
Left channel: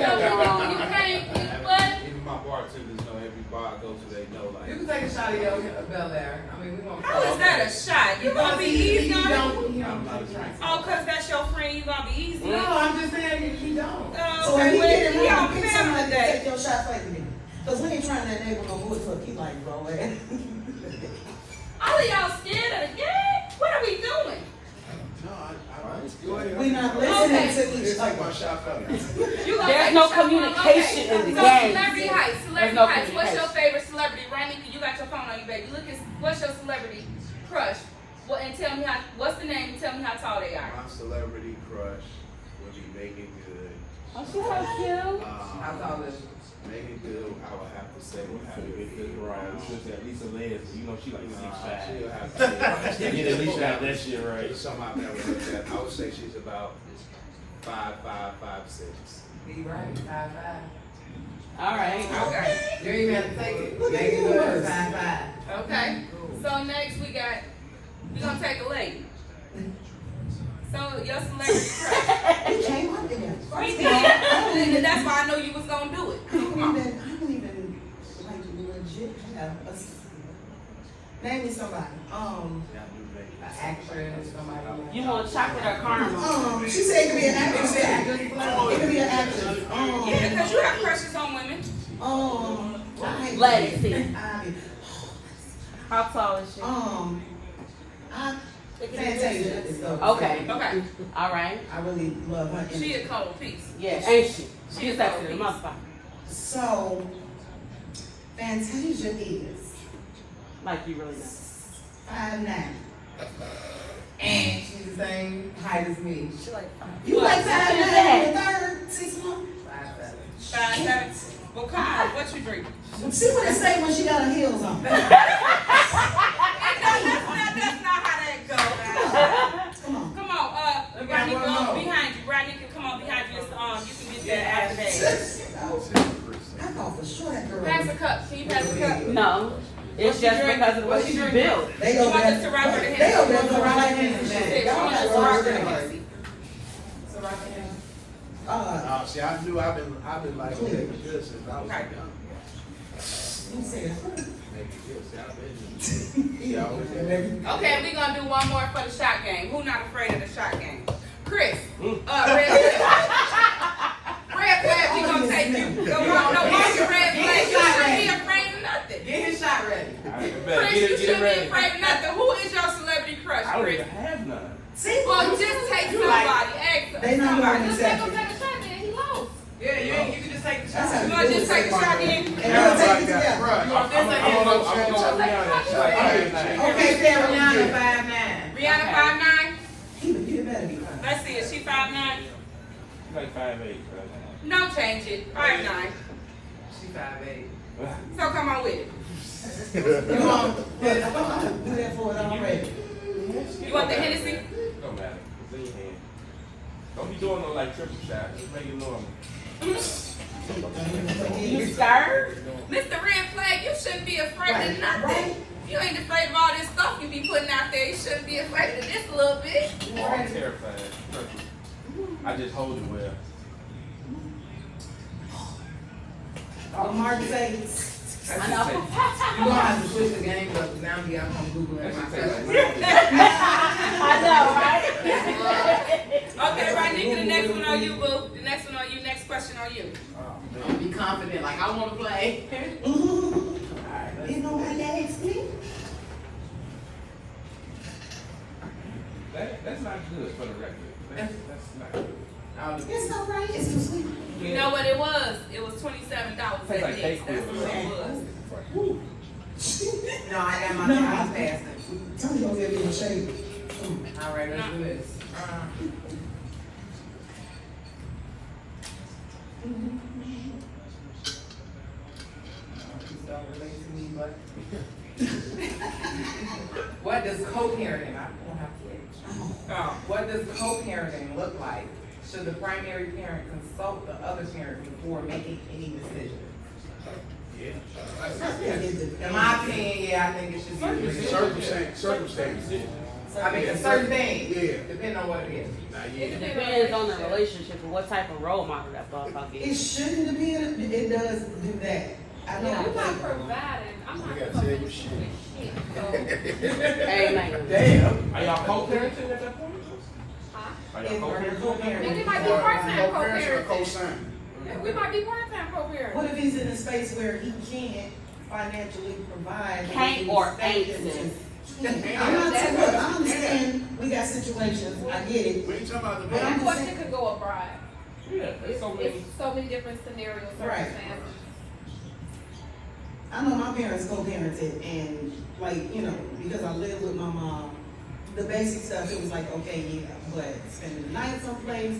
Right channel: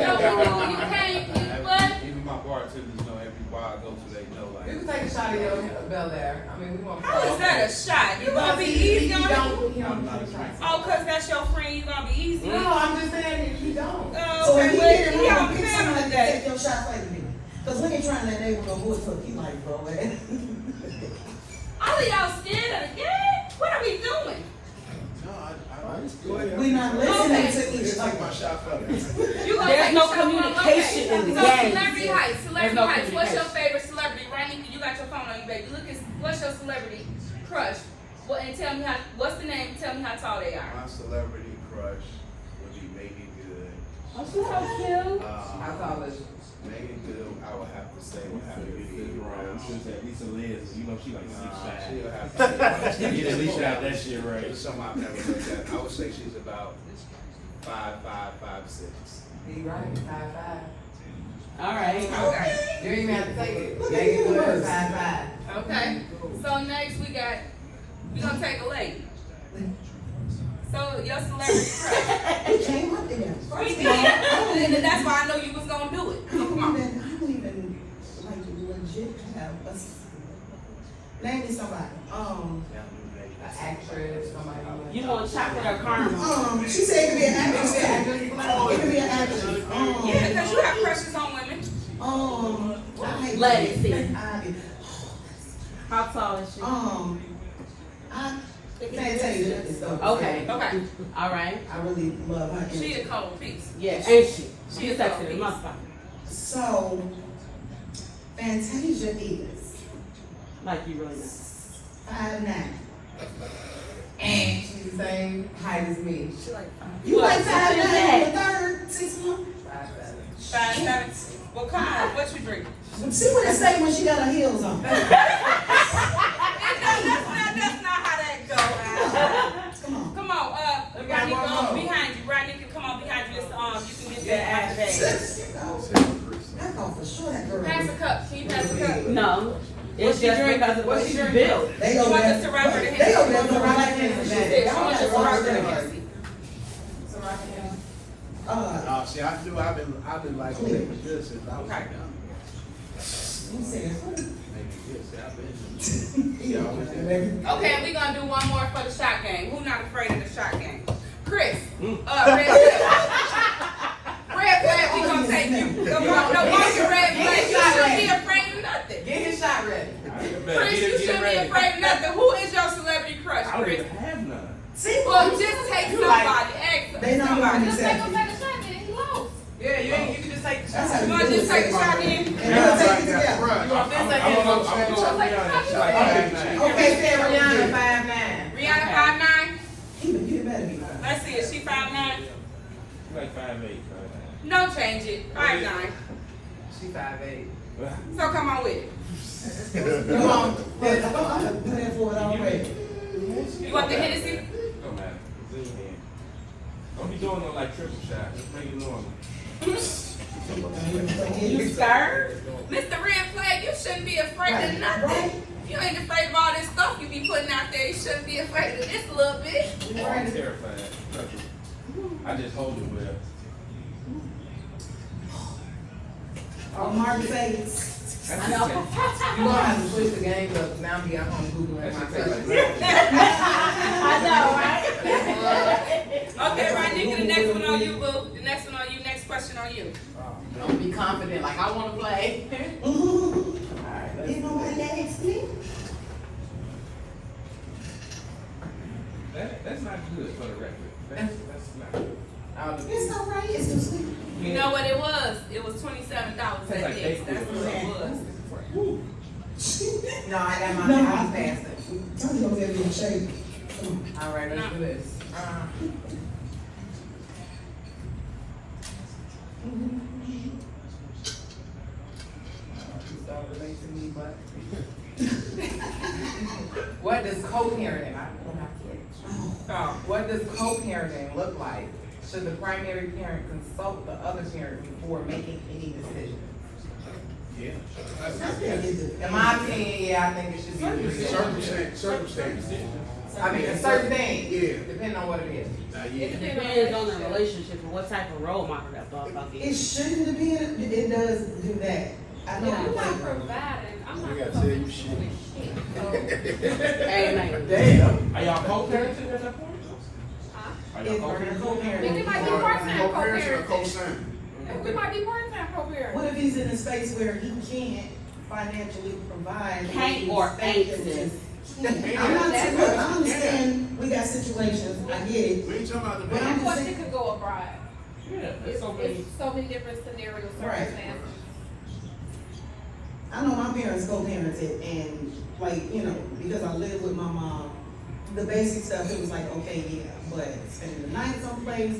can't, what? Even my bartenders know every bar I go to, they know like. You can take a shot of your Bel Air. I mean, we gonna. How is that a shot? You gonna be easy on it? He don't take shots. Oh, cause that's your friend, you gonna be easy? No, I'm just saying he don't. So when Okay, he well, get it, he we on don't pick panel somebody to take today. your shot like me. Cause we ain't trying to enable no voice look, he like, bro. All of y'all scared of the game? What are we doing? No, go ahead. We not listening Okay. to each It's like other. my shot fellas. You gonna There's take no a shot for him? communication Okay. in the So game. Celebrity Heist, There's Celebrity no Heist. What's your communication. favorite celebrity? Right, you got your phone on you, baby. What's your celebrity crush? Well, and tell me what's the name? Tell me how tall they are. My celebrity crush would be Megan Good. Oh, she's so cute. How tall is Megan Good, I would have to say would have to be around. Lisa Liz, you know she like She'll have to She get at least out that shit right. It's something I've never looked at. I would say she's about 5'5", 5'6". he right? 5'5". All right. Okay. You ain't even have to take it. Make it good. 5'5". Okay. next we're gonna take a lady. So your celebrity crush. We came up together. We did. And that's why I know you was gonna do it. So come on. I don't even like legit have a. Name me somebody. An actress, somebody. You want chocolate or caramel? She said it could be an actress. It could be an actress. Yeah, because you have crushes on women. Legacy. How tall is she? Fantasia is dope. Okay. Okay. All right. I really love her. She a cold piece. Yeah, ain't she? She She's is sexy so as motherfucker. So, Fantasia is Like you really know. 5'9". And she's the same height as me. You like 5'9" that? the third 6 months? 5'7". Well, come on. What you drinking? See what it say when she got her heels on. That's not how that goes. Come on. Come on, Rodney, go behind you. Rodney can come on behind you. You can get that after that. I thought for sure that girl. Pass a cup. Can you pass a cup? No. It's just because of what she built. They You go want there. us to run her the They go Hennessy? there for the right hand. She wants us to run her the Hennessy. See, I knew I've been like this since I was Okay. young. You said, Okay, we're gonna do one more for the shot game. Who not afraid of the shot game? Chris. Red flag, we gonna take you. No, why you red flag? You shouldn't be afraid of nothing. Get his shot ready. Chris, you shouldn't be afraid of nothing. Who is your celebrity crush, I don't Chris? even have none. see, Well, just take somebody. Ask they not somebody. going to Just let accept him you. take a shot, then he lost. Yeah, you can just take the That's how shot. You wanna just take a shot then? And we'll take it together. You want this or Okay, Sarah, Rihanna 5'9". Rihanna 5'9"? you better be. Let's see, is she 5'9"? Like 5'8". No, change it. 5'9". She 5'8". So come on with it. Come on. Do that for it, I'm ready. You want the Hennessy? Don't matter. It's in your hand. Don't be doing no like triple shots. Just make it normal. You scared? Mr. Red Flag, you shouldn't be afraid of nothing. You ain't afraid of all this stuff you be putting out there. You shouldn't be afraid of this a little bit. I'm terrified. I just hold it well. Mark Vegas. I know. You gonna have to switch the game up now. I'm home Googling myself. I know, right? Okay, Rodney, the next one on you, boo. The next one on you. Next question on you. Don't be confident like I want to play. You know what that asked me? That's not good for the record. That's not good. It's all right. It's too sweet. You know what it was? It was $27 at Dick's. That's what it was. No, I got my time passing. Tell me over there being shady. All right, let's do this. Don't relate to me, but what does co-parenting? I don't have to wait. What does co-parenting look like? Should the primary parent consult the other parent before making any decision? In my opinion, yeah, I think it should be. Circumstances. I mean, a certain thing, Yeah. depending on what it is. It depends on the relationship and what type of role model that motherfucker It is. shouldn't be. It does do that. I know. If you're not providing, I'm not We gotta supposed tell you to shit. Amen. Damn. Are y'all co-parenting at that point? Are If y'all we're It co-parenting. might be part-time Co-parents or co-parenting. co-sign? We might be part-time co-parenting. What if he's in a space where he can't financially provide? Can't or ain't, sis. I'm not saying, look, I understand we got situations, I get it. We ain't talking about the But I'm That just question saying, could go abroad. Yeah, It's so many. so many different scenarios, Right. circumstances. I know my parents co-parented and like, you know, because I lived with my mom, the basic stuff, it was like, okay, yeah, but spending the night someplace,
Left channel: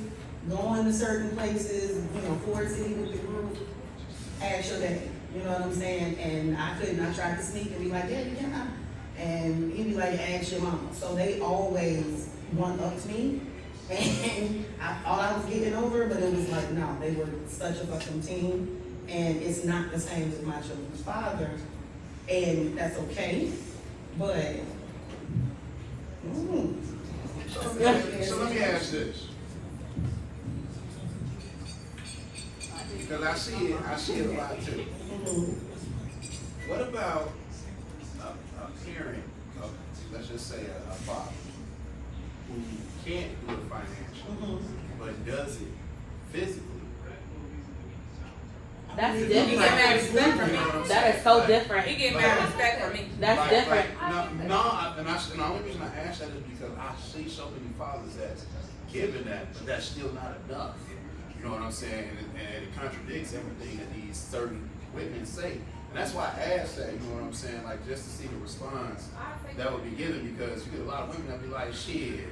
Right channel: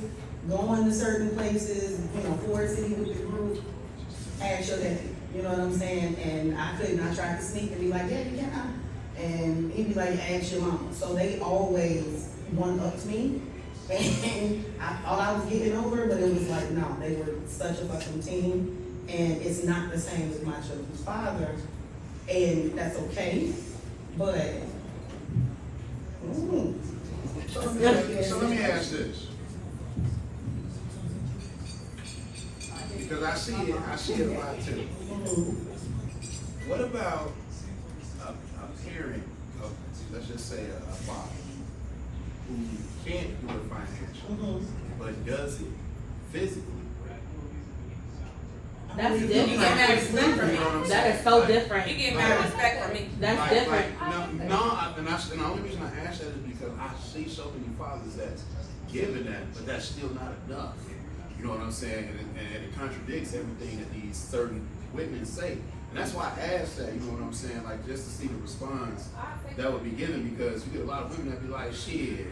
going to certain places, you know, Ford City with the group, ask your daddy, you know what I'm saying? And I couldn't, I tried to sneak and be like, Daddy, can I? And he'd be like, ask your mom. So they always one-upped me. And I thought I was getting over, but it was like, no, they were such a fucking team. And it's not the same with my children's father. And that's okay. But, So let me ask this. Because I see it a lot too. What about a parent, let's just say a father, who can't do it financially, but does it physically? That's You get different. mad respect from me. That is so different. You get mad respect from me. That's different. And the only reason I ask that is because I see so many fathers that's given that, but that's still not enough. You know what I'm saying? And it contradicts everything that these certain women say. And that's why I asked that, you know what I'm saying? Like, just to see the response that would be given, because you get a lot of women that be like, shit,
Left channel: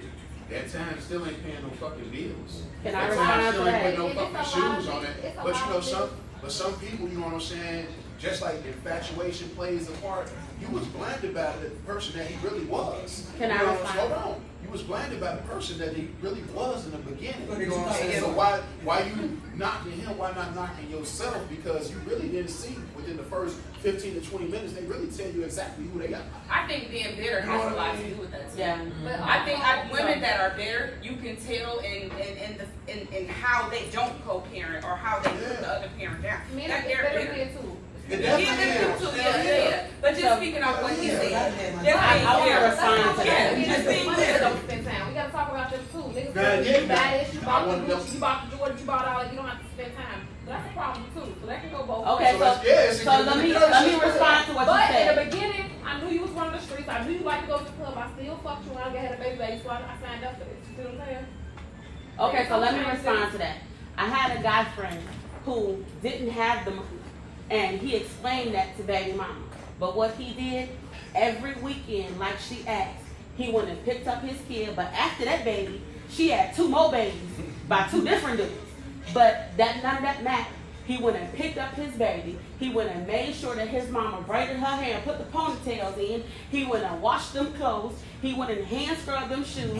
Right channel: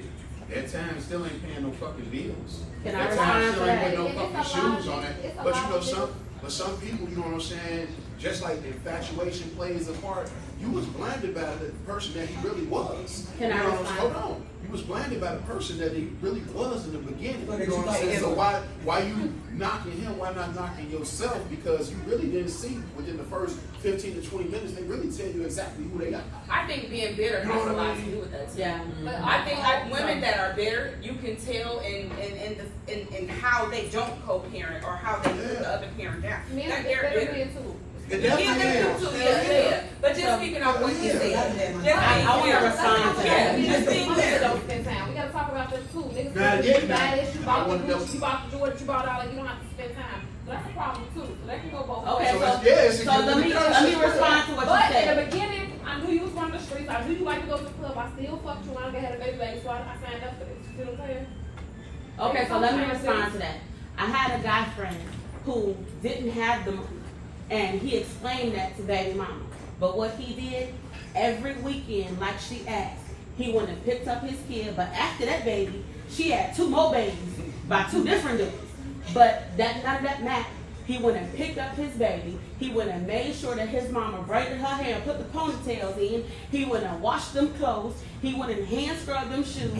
that time still ain't paying no fucking bills. Can I That time respond still to ain't that? putting no fucking shoes on it. It's a But lot you know, of some people, you know what I'm saying, just like infatuation plays a part, you was blinded by the person that he really was. Can I You know what I'm respond? saying? Hold on. You was blinded by the person that he really was in the beginning. But You know you what I'm saying? So thought why you knocking him? Why not knocking yourself? Because you really didn't see within the first 15 to 20 minutes, they really tell you exactly who they are. I think being bitter has a lot to do with that too. Yeah. But I think women that are bitter, you can tell in how they don't co-parent or how they put the other parent down. men That get they're better bitter. here too. It Yeah, definitely them is. too. Yeah. But just speaking of what he said, just being I wanna bitter. respond to Yeah, that. just being Women bitter. don't spend time. We gotta talk about them too. Niggas Nah, say yeah, you buy this, you bought the nah. boots, you bought the Jordan, you bought all that. You don't have to spend time. That's a problem too. So that can go both Okay, ways. So it's- so let me respond to what But you in said. the beginning, I knew you was running the streets. I knew you liked to go to the club. I still fucked you when I had a baby, so I signed up for this. You see what I'm saying? Okay, so let me respond to that. I had a guy friend who didn't have the money, and he explained that to baby mama. But what he did, every weekend, like she asked, he went and picked up his kid. But after that baby, she had 2 more babies by 2 different dudes. But none of that mattered. He went and picked up his baby. He went and made sure that his mama braided her hair and put the ponytails in. He went and washed them clothes. He went and hand scrubbed them shoes.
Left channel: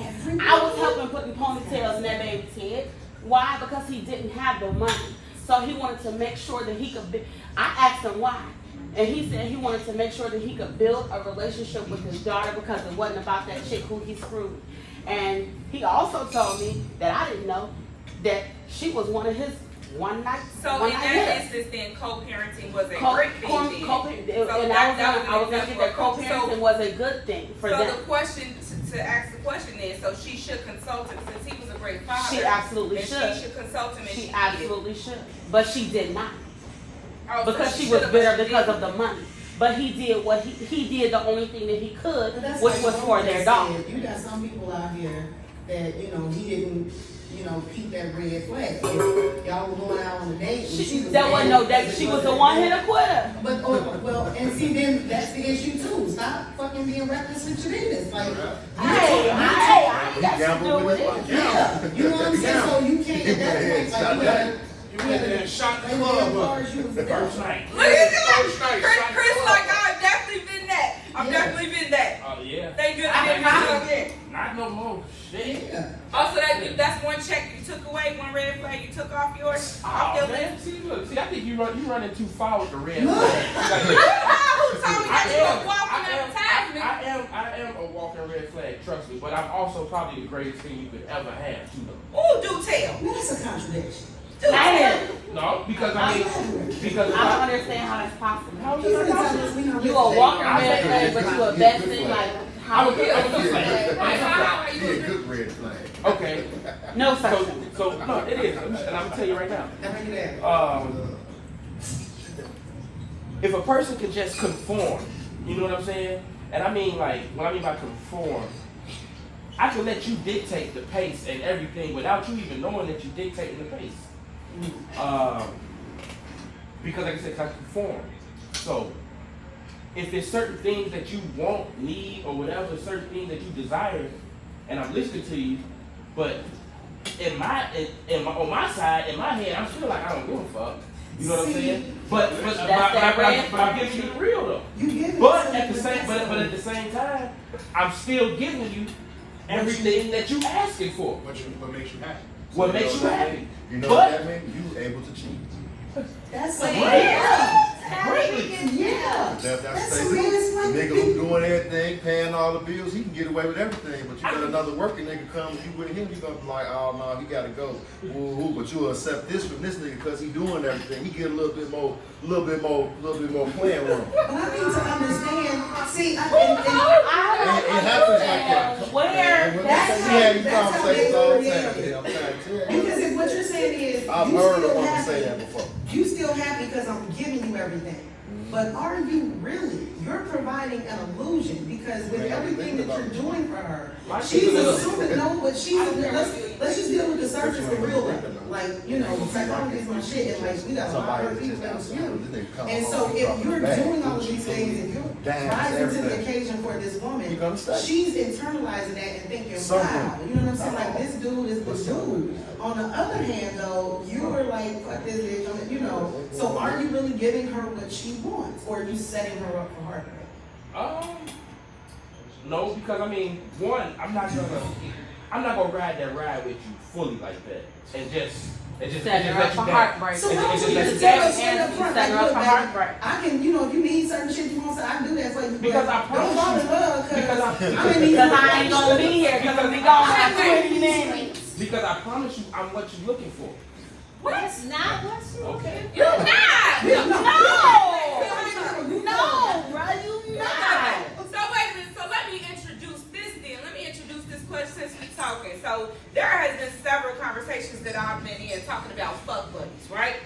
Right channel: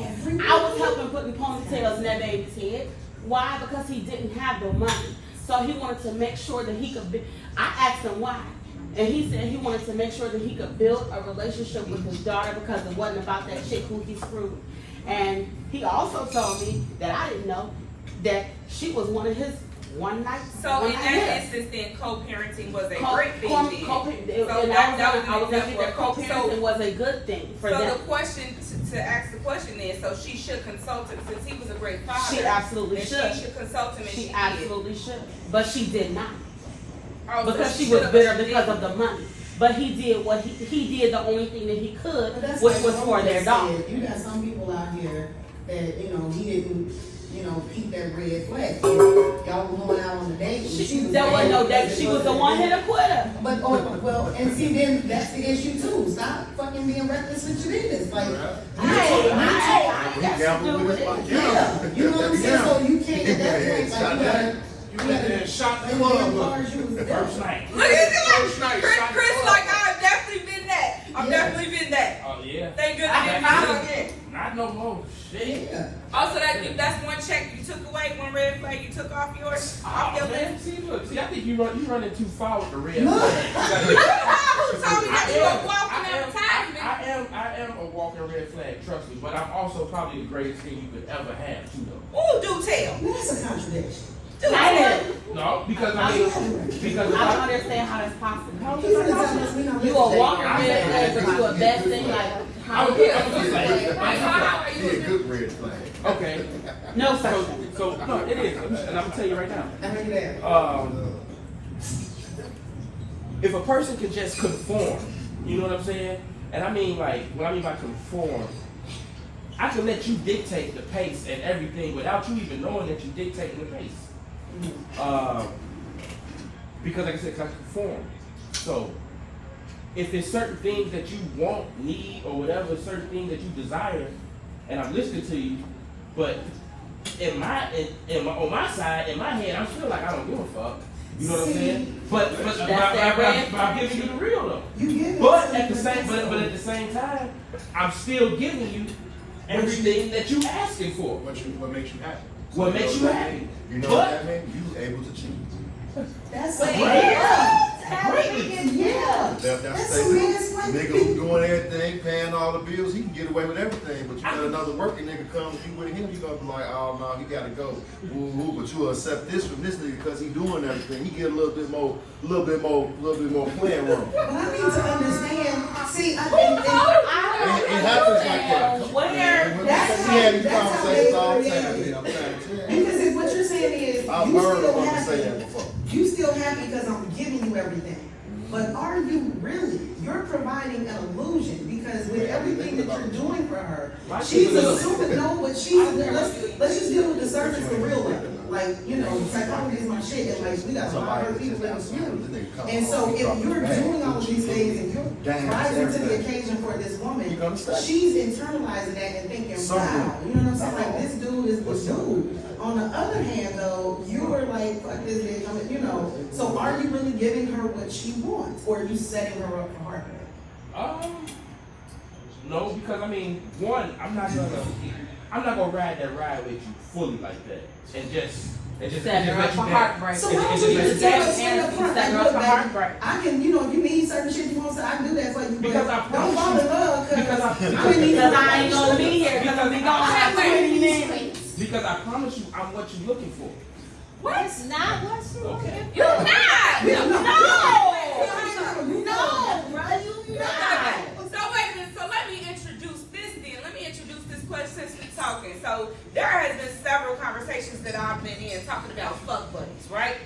I was helping put the ponytails in that baby's head. Why? Because he didn't have the money. So he wanted to make sure that he could I asked him why. And he said he wanted to make sure that he could build a relationship with his daughter because it wasn't about that chick who he screwed. And he also told me that I didn't know that she was one of his one night. So in that instance, then co-parenting was a great thing. So that was an example of co-parenting was a good thing for so them. the question to ask the question is, so she should consult him since he was a great father. She absolutely and should. She should consult him, and She she absolutely should, but she did not Oh, so because she shoulda, was but bitter she because didn't. of the money. But he did what he did the only thing that he could, But that's which like was for Mom their said, daughter. You got some people out here that, he didn't, keep that red flag. Y'all were going out on a date. And she was There was no date. She was the one hit quitter. But, and see, then that's the issue too. Stop fucking being reckless with your business. Like, He gambled with his life. yeah, you know what I'm saying? So you can't, at that point, like, You went there and shot the and club as up. far as you was there. First night. Look at that, First night, Chris. shot the Chris, club like up. I've definitely been that. I've Yeah. definitely been that. Oh yeah. Thank goodness I didn't do it again. Not no more. Shit. Yeah. Also, that's one check you took away, one red flag you took off yours, off your Oh, man, list. see, I think you running too far with the red Who flag. told me that you were walking advertisement? I am a walking red flag, trust me, but I'm also probably the greatest thing you could ever have too though. Ooh, do tell. Man, that's a contradiction. Do tell. No, because I mean, because I don't understand how it's possible. He's gonna tell us we not You a listening. walking red flag, but you a bad thing like I how? would get a good flag. He a good red flag. Okay, No, sir. so no, it is, and I'm gonna tell you right now. How many there? If a person can just conform, you know what I'm saying? And I mean like, what I mean by conform, I can let you dictate the pace and everything without you even knowing that you dictate the pace. Because like I said, I conform. So if there's certain things that you want, need, or whatever, certain things that you desire, and I'm listening to you, but on my side, in my head, I feel like I don't give a fuck. You know what I'm saying? But I'm giving you the real though. You give it But to at the me. same at the same time, I'm still giving you everything that you asking for. What makes you happy? What makes you happy? You know But- what that means? You able to cheat. That's Great. yeah. Greatly. Yeah. That's That's the a red flag. nigga who doing everything paying all the bills, he can get away with everything. But you get another working nigga come, you with him, you gonna be like, oh no, he gotta go. Ooh, but you'll accept this from this nigga because he doing everything. He get a little bit more playing room. But I need to understand, see, It happens like that. We have these conversations all the time, man. I'm trying to tell you. because if what you're saying is, I've you heard a still woman say that happy, before. you still happy because I'm giving you everything. But are you really? You're providing an illusion because with everything that you're doing for her, she's assuming, no, but let's just deal with the surface, the real level. Like, you know, psychology is my shit, and like, we got a lot of people that you. And so if you're doing all of these things and you're rising to the occasion for this woman, she's internalizing that and thinking, wow, you know what I'm saying? Like, this dude is the dude. On the other hand, though, you were like, fuck this bitch, you know. So are you really giving her what she wants, or are you setting her up for heartbreak? No, because I mean, one, I'm not gonna ride that ride with you fully like that, and just Setting her up for heartbreak. So why don't you just tell us straight up front, like, look, baby, I can, you know, if you need certain shit you want, so I can do that for you. Because I don't fall in love, because I ain't gonna be here because we don't have 20 minutes. Because I promise you, I'm what you're looking for. What? Not what's Okay. You not. So wait a minute. So let me introduce this then. Let me introduce this question since we're talking. So there has been several conversations that I've been in talking about fuck buddies, right?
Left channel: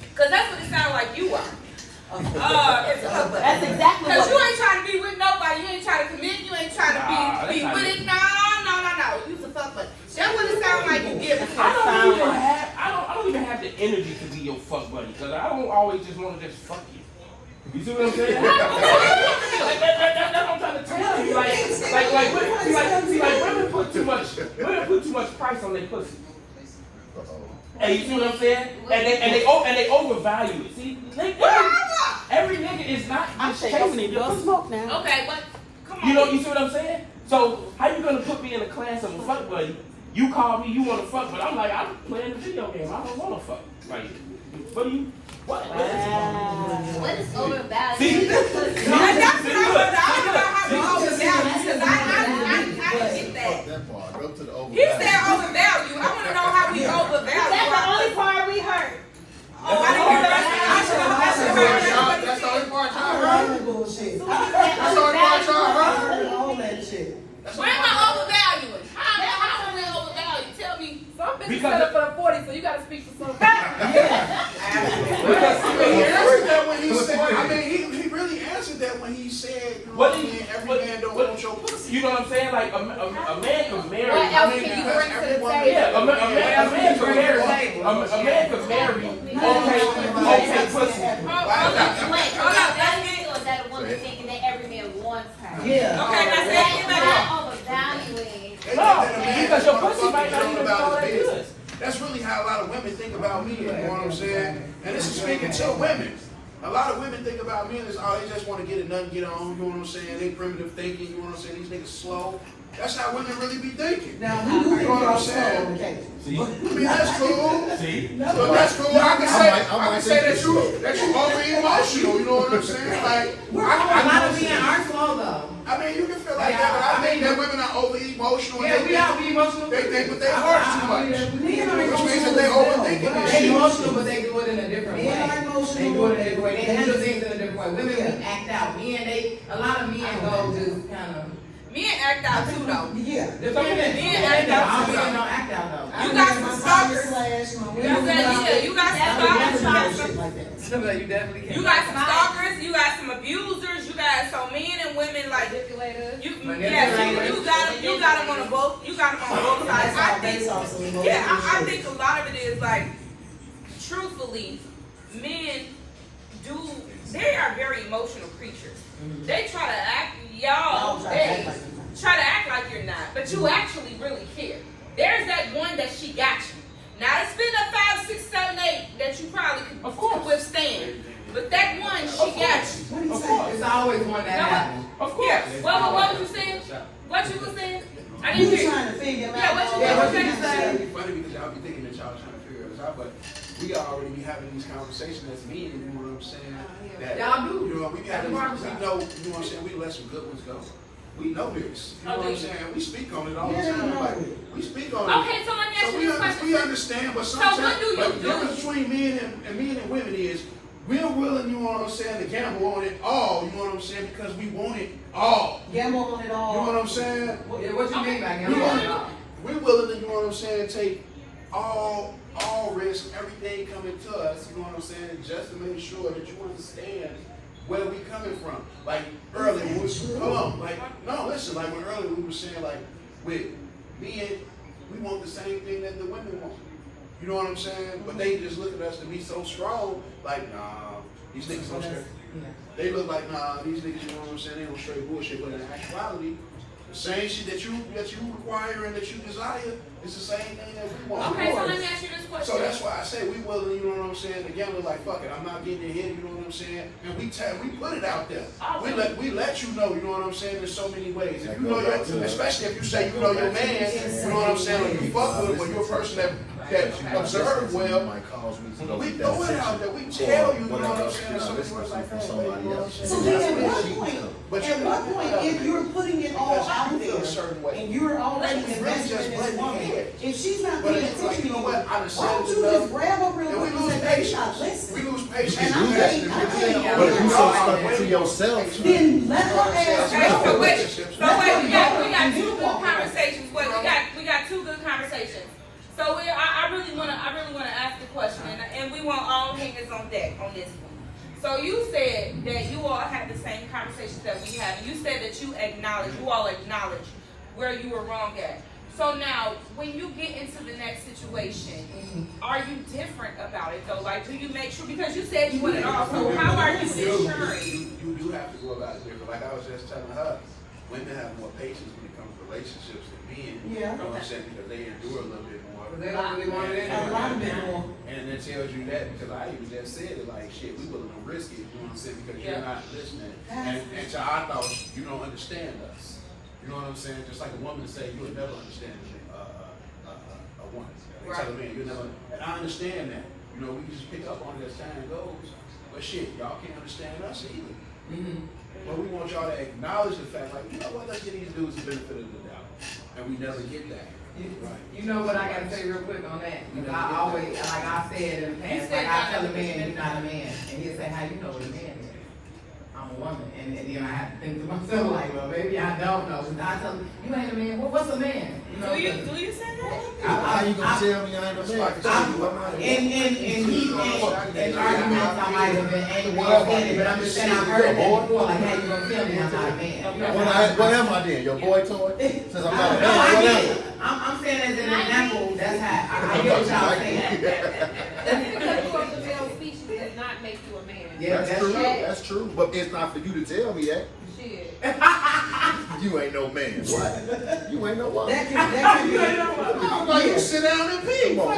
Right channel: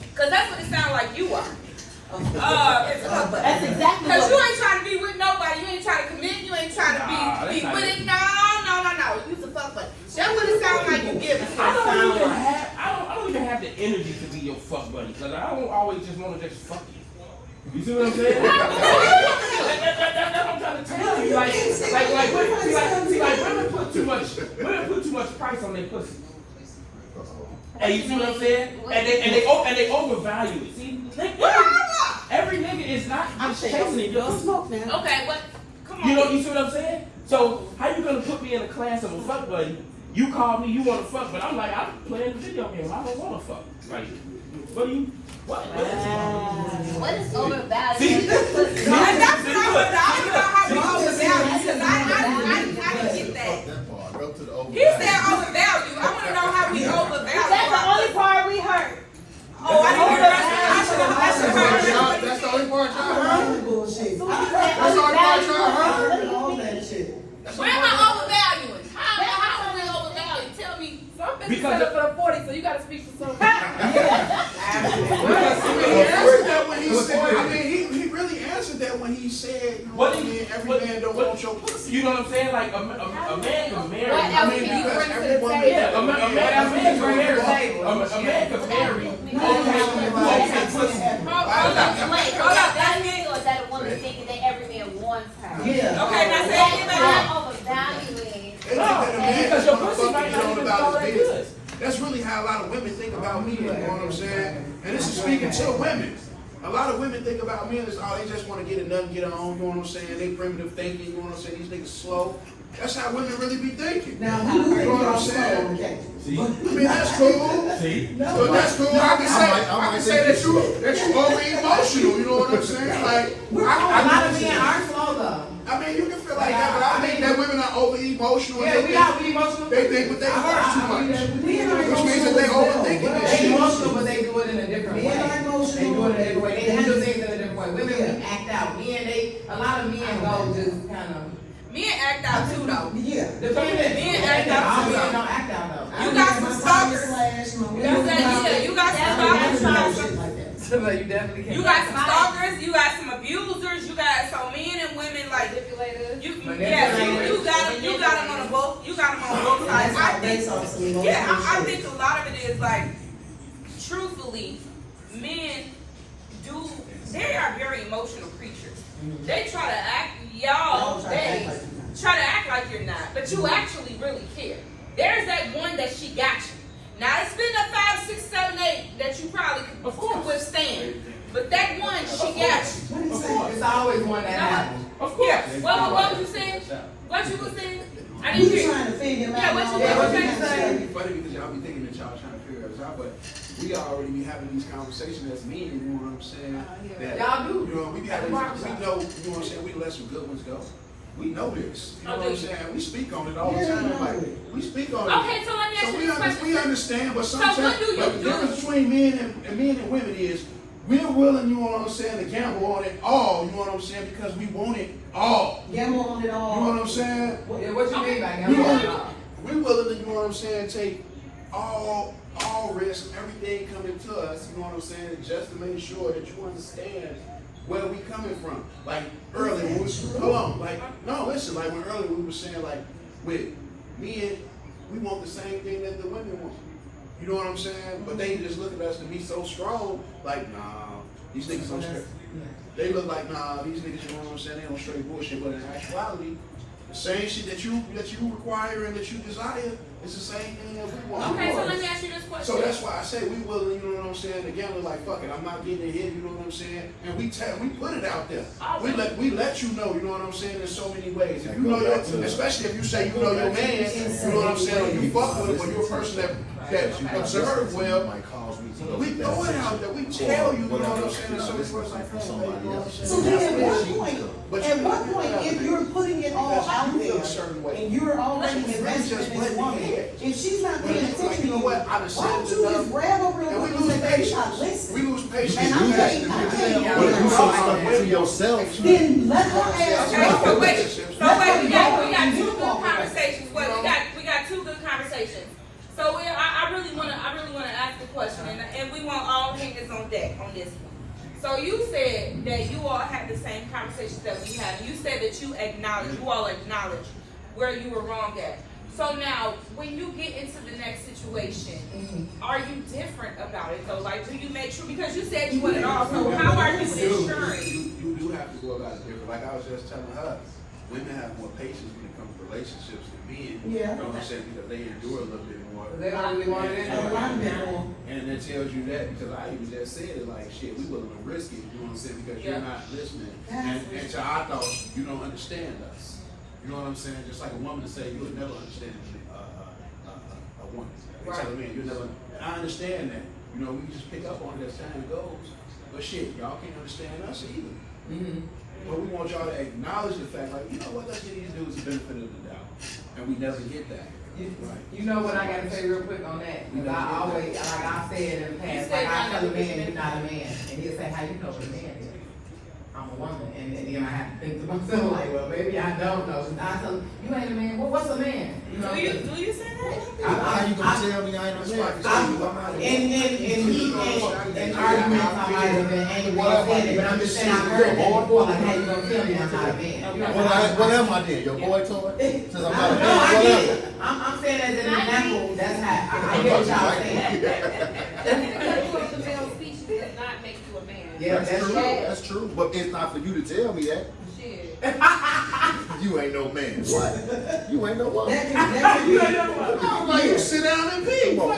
Because that's what it sounds like you are. It's a fuck buddy. That's exactly Because what you ain't trying to be with nobody. You ain't trying to commit. You ain't trying to be with it. No. You's a fuck buddy. That's what it sounds like you give us. I don't even have the energy to be your fuck buddy, because I don't always just want to just fuck you. You see what I'm saying? That's what I'm trying to tell you. Women put too much price on their pussy. And you see what I'm saying? And they overvalue it. See, every nigga is not just chasing your smoke now. Okay, but come on. You see what I'm saying? So how you gonna put me in a class of a fuck buddy? You call me, you want to fuck, but I'm like, I'm playing the video game. I don't want to fuck. Like, what do you? What? What is overvalued? See? That's what I want to. I want to know how we overvalue because I can get that. That part. Go to the overvalue. He said overvalue. I want to know how we overvalue. That's the only part we heard. Oh, I didn't hear that. I should have heard. That's the only part y'all I heard. heard that bullshit. That's the only part y'all heard. All that shit. Where am I overvaluing? How am I overvaluing? Tell me. Some bitches set up for 40, so you gotta speak for some. Answered that when he said, I mean, he really answered that when he said, you know what I mean, every man don't want your pussy. You know what I'm saying? Like a man can marry. What else can you bring to the table? Yeah, a man can marry. A man can marry. Okay, pussy. Hold up. That's it. Or is that a woman thinking that every man wants her? Yeah. Okay, now say it That's again. overvaluing. They think that a man Because is your gonna pussy fuck might you not all even about call his it business. good. That's really how a lot of women think about me, you know what I'm saying? And this is speaking to women. A lot of women think about men as, oh, they just want to get it done, get it on, you know what I'm saying? They primitive thinking, you know what I'm saying? These niggas slow. That's how women really be thinking. Now, we do You know what I'm saying? okay. See? I mean, that's cool. See? But that's cool. I can say that you over emotional, you know what I'm saying? Like, A lot of men are slow though. I mean, you can feel like that, but I think that women are over emotional. Yeah, we are emotional. They think with their hearts too much. Men are Which means that they overthink They it. emotional, but they do it in a different way. Men are emotional. They do it in a different way. They handle things in a different way. Women, we act out. A lot of men go just kind of. Men act out too though. Yeah. Men act out too Men though. don't act out though. You got some stalkers. You got some stalkers. You definitely can't. You got some stalkers. You got some abusers. You got some men and women like you. Yes, you got them on both. You got them on both sides. I think a lot of it is like, truthfully, men do. They are very emotional creatures. They try to act, they try to act like you're not, but you actually really care. There's that one that she got you. Now it's been a 5, 6, 7, 8 that you probably could withstand, but that one she got you. What do you say? It's always one that happens. Of course. Yeah. What was you saying? What you was saying? I You didn't hear trying you. to figure out. Yeah, what you saying? It's funny because y'all be thinking that y'all trying to figure us out, but we already be having these conversations as men, you know what I'm saying? That, Y'all do. You know, we be having these, we know, you know what I'm saying, we let some good ones go. we know this. You know what I'm saying? We speak on it all the Yeah, time. they know Like, it. we speak on it. Okay, so let me ask So you this question. we understand, but So sometimes what do you but the do? difference between men and women is we're willing, you know what I'm saying, to gamble on it all, you know what I'm saying, because we want it all. Gamble on it You all. know what I'm saying? Yeah, what you mean by We gambling? willing, we're willing to, you know what I'm saying, take all risk, everything coming to us, you know what I'm saying, just to make sure that you understand where we coming from. Like earlier, hold on, like, no, listen, like when earlier we were saying, like, with men, we want the same thing that the women want. You know what I'm saying? But they just look at us to be so strong, like, nah, these niggas don't straight. They look like, nah, these niggas, you know what I'm saying, they don't straight bullshit, but in actuality, the same shit that you require and that you desire, it's the same thing that we want. Okay, so let me ask you this question. So that's why I say we willing, you know what I'm saying? Again, we're like, fuck it, I'm not getting it here, you know what I'm saying? And we put it out there. We let you know, you know what I'm saying, in so many ways. If you know your, especially if you say you know your man, you know what I'm saying, when you fuck with you're a person that observe well, might cause me to go we get that throw it attention out there, we tell you, you know what whatever I'm else saying, you're not so listening it's to like, from somebody else. So then at what But point, if you're putting it all out you feel a certain there way. and you're already It's invested just in this blending woman, in. if she's not But paying it's like, attention you to know you, what, I why done don't said you enough. just grab her real And we quick and lose say, baby, patience. stop listening? We lose patience. And You I'm do that saying, because I'm saying, but if you so stuck into yourself, then let her Okay, ask so you. wait, we got two good conversations. Wait, we got two good conversations. So I really wanna ask the question, and we want all hands on deck on this one. So you said that you all have the same conversations that we have, and you said that you all acknowledge where you were wrong at. So now, when you get into the next situation, are you different about it though? Like, do you make sure, because you said you want it all, so how are you ensuring? You do have to go about it different. Like I was just telling her, women have more patience when it comes to relationships than men. Yeah. You know what I'm saying? Because they endure a little bit more. They don't really want it A lot of it more. And it tells you that because I even just said it, like, shit, we willing to risk it, you know what I'm saying? Because you're not listening. And to our thoughts, you don't understand us. You know what I'm saying? Just like a woman to say, you would never understand a woman. They tell a man, you never, and I understand that. You know, we just pick up on it as time goes. But shit, y'all can't understand us either. But we want y'all to acknowledge the fact, like, you know what, let's get these dudes the benefit of the doubt. And we never get that. Right. You know what I gotta say real quick on that? Because I always, like I said in the past, like I tell a man, you're not a man. And he'll say, how you know what a man is? I'm a woman. And then I have to think to myself, like, well, maybe I don't know. And I tell him, you ain't a man. Well, what's a man? You know, Do you say that? how you gonna tell me I ain't a man? in arguments, I might have been angry or offended, but I'm just saying, I've heard that before, like, how you gonna tell me I'm not a man? What am I then? Your boy toy? Since I'm not a No, man, I what get am it. I'm saying as an example, that's how, I get what y'all saying. Because you want to tell speech does not make you a man. Yeah, That's true. That's true. But it's not for you to tell me that. Shit. You ain't no man. What? You ain't no woman. That can be. You sit down and be. Come on,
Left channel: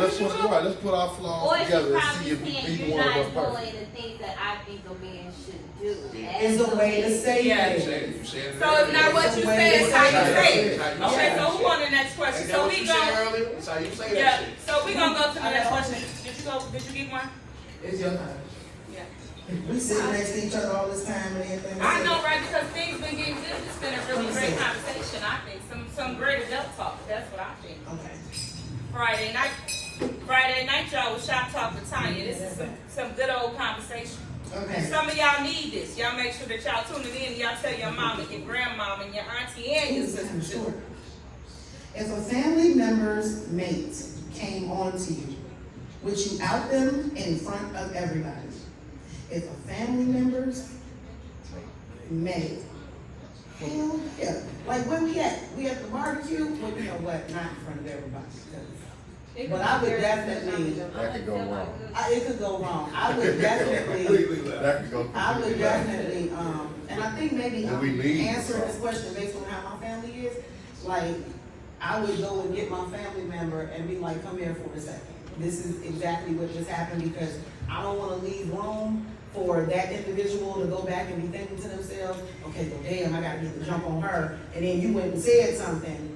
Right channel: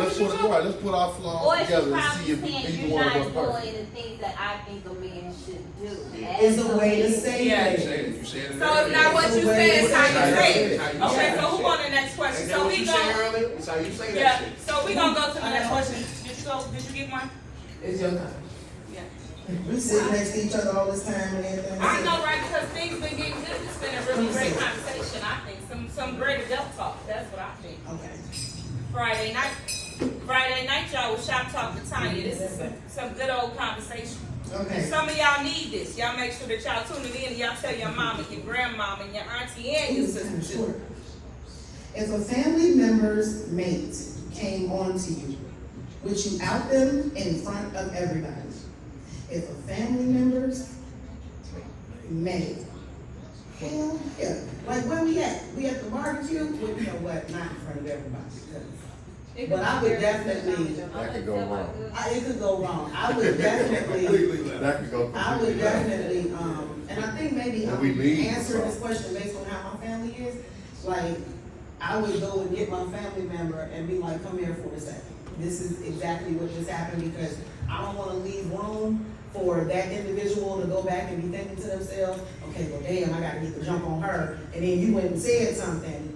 let's put our flaws Or together and she's see if probably saying either you're one of not us perfect. doing the things that I think a man should do. Is a way to say Yeah. it. You said it So it's not what you say, it's how you say it. Okay, so who on the next question? So we go. That's how you say Yeah, that shit. so we gonna go to the next question. Did you get one? It's your time. Yeah. We sit next to each other all this time and everything. I know, right, because things been getting good. It's been a really great conversation, I think. Some great adult talk, that's what I think. Okay. Friday night, y'all was Shop Talk with Tanya. This is some good old conversation. Okay. Some of y'all need this. Y'all make sure that y'all tune it in and y'all tell your mama, your grandmama, and your auntie and your sister too. If a family member's mate came on to you, would you out them in front of everybody? If a family member's mate, hell yeah. Like where we at? We at the barbecue? Well, you know what? Not in front of everybody. But I would definitely. That could go wrong. It could go wrong. I would definitely. That could go I would completely wrong. definitely, and I think maybe And we leave. answering this question based on how my family is, like, I would go and get my family member and be like, come here for a second. This is exactly what just happened because I don't wanna leave room for that individual to go back and be thinking to themselves, okay, well, damn, I gotta get the jump on her. And then you went and said something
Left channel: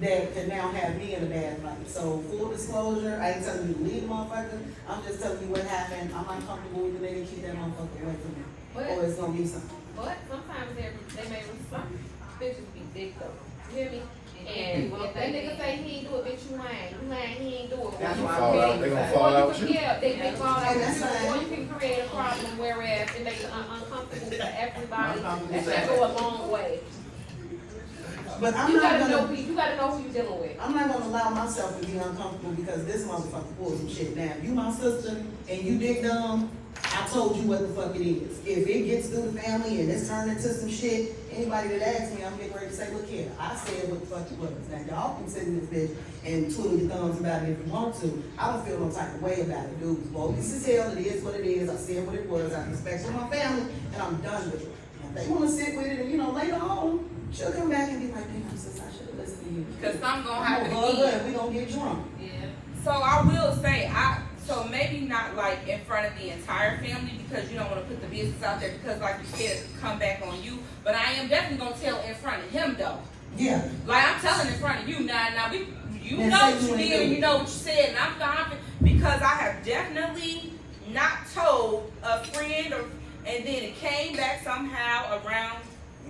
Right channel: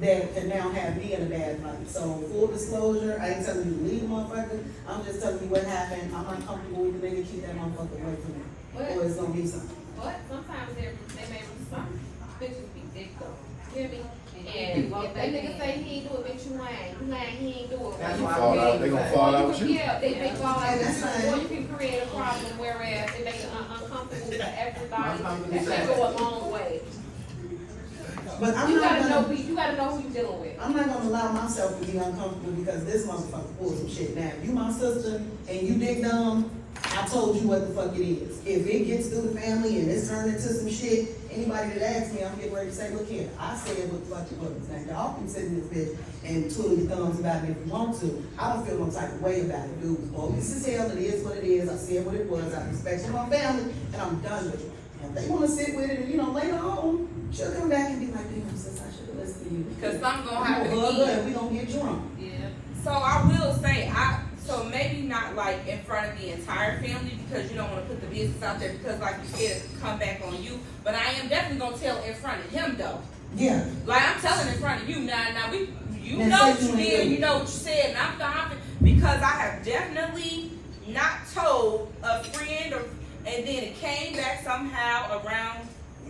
that could now have me in a bad light. So full disclosure, I ain't telling you to leave the motherfucker. I'm just telling you what happened. I'm not comfortable with the nigga. Keep that motherfucker away from me. Or it's gonna be something. But sometimes they may respond. bitches be dick though. You hear me? And if that nigga say he ain't do it, bitch, you lying. You lying, he ain't do it. That's They why fall out. They gonna fall out with you. Yeah, they fall out. And that's fine. Or you can create a problem, whereas it makes it uncomfortable for everybody. Uncomfortable. That go a long way. But I'm You not gotta know gonna, you gotta know who you dealing with. I'm not gonna allow myself to be uncomfortable because this motherfucker pulls some shit. Now, if you my sister and you big dumb, I told you what the fuck it is. If it gets through the family and it's turned into some shit, anybody that asks me, I'm getting ready to say, look here, I said what the fuck it was. Now, y'all can sit in this bitch and twiddle your thumbs about it if you want to. I don't feel no type of way about it, dude. Bogus as hell, it is what it is. I said what it was. I respect for my family, and I'm done with it. And if they wanna sit with it, and later on, she'll come back and be like, damn, sis, I should have listened to you. Cause something gonna I'm happen gonna hug her again. and we gonna get drunk. So I will say, so maybe not like in front of the entire family because you don't want to put the business out there because like you said, it could come back on you. But I am definitely gonna tell in front of him though. Yeah. Like I'm telling in front of you now. You Now know say what you you ain't did do and it. you know what you said, and I'm confident because I have definitely not told a friend and then it came back somehow around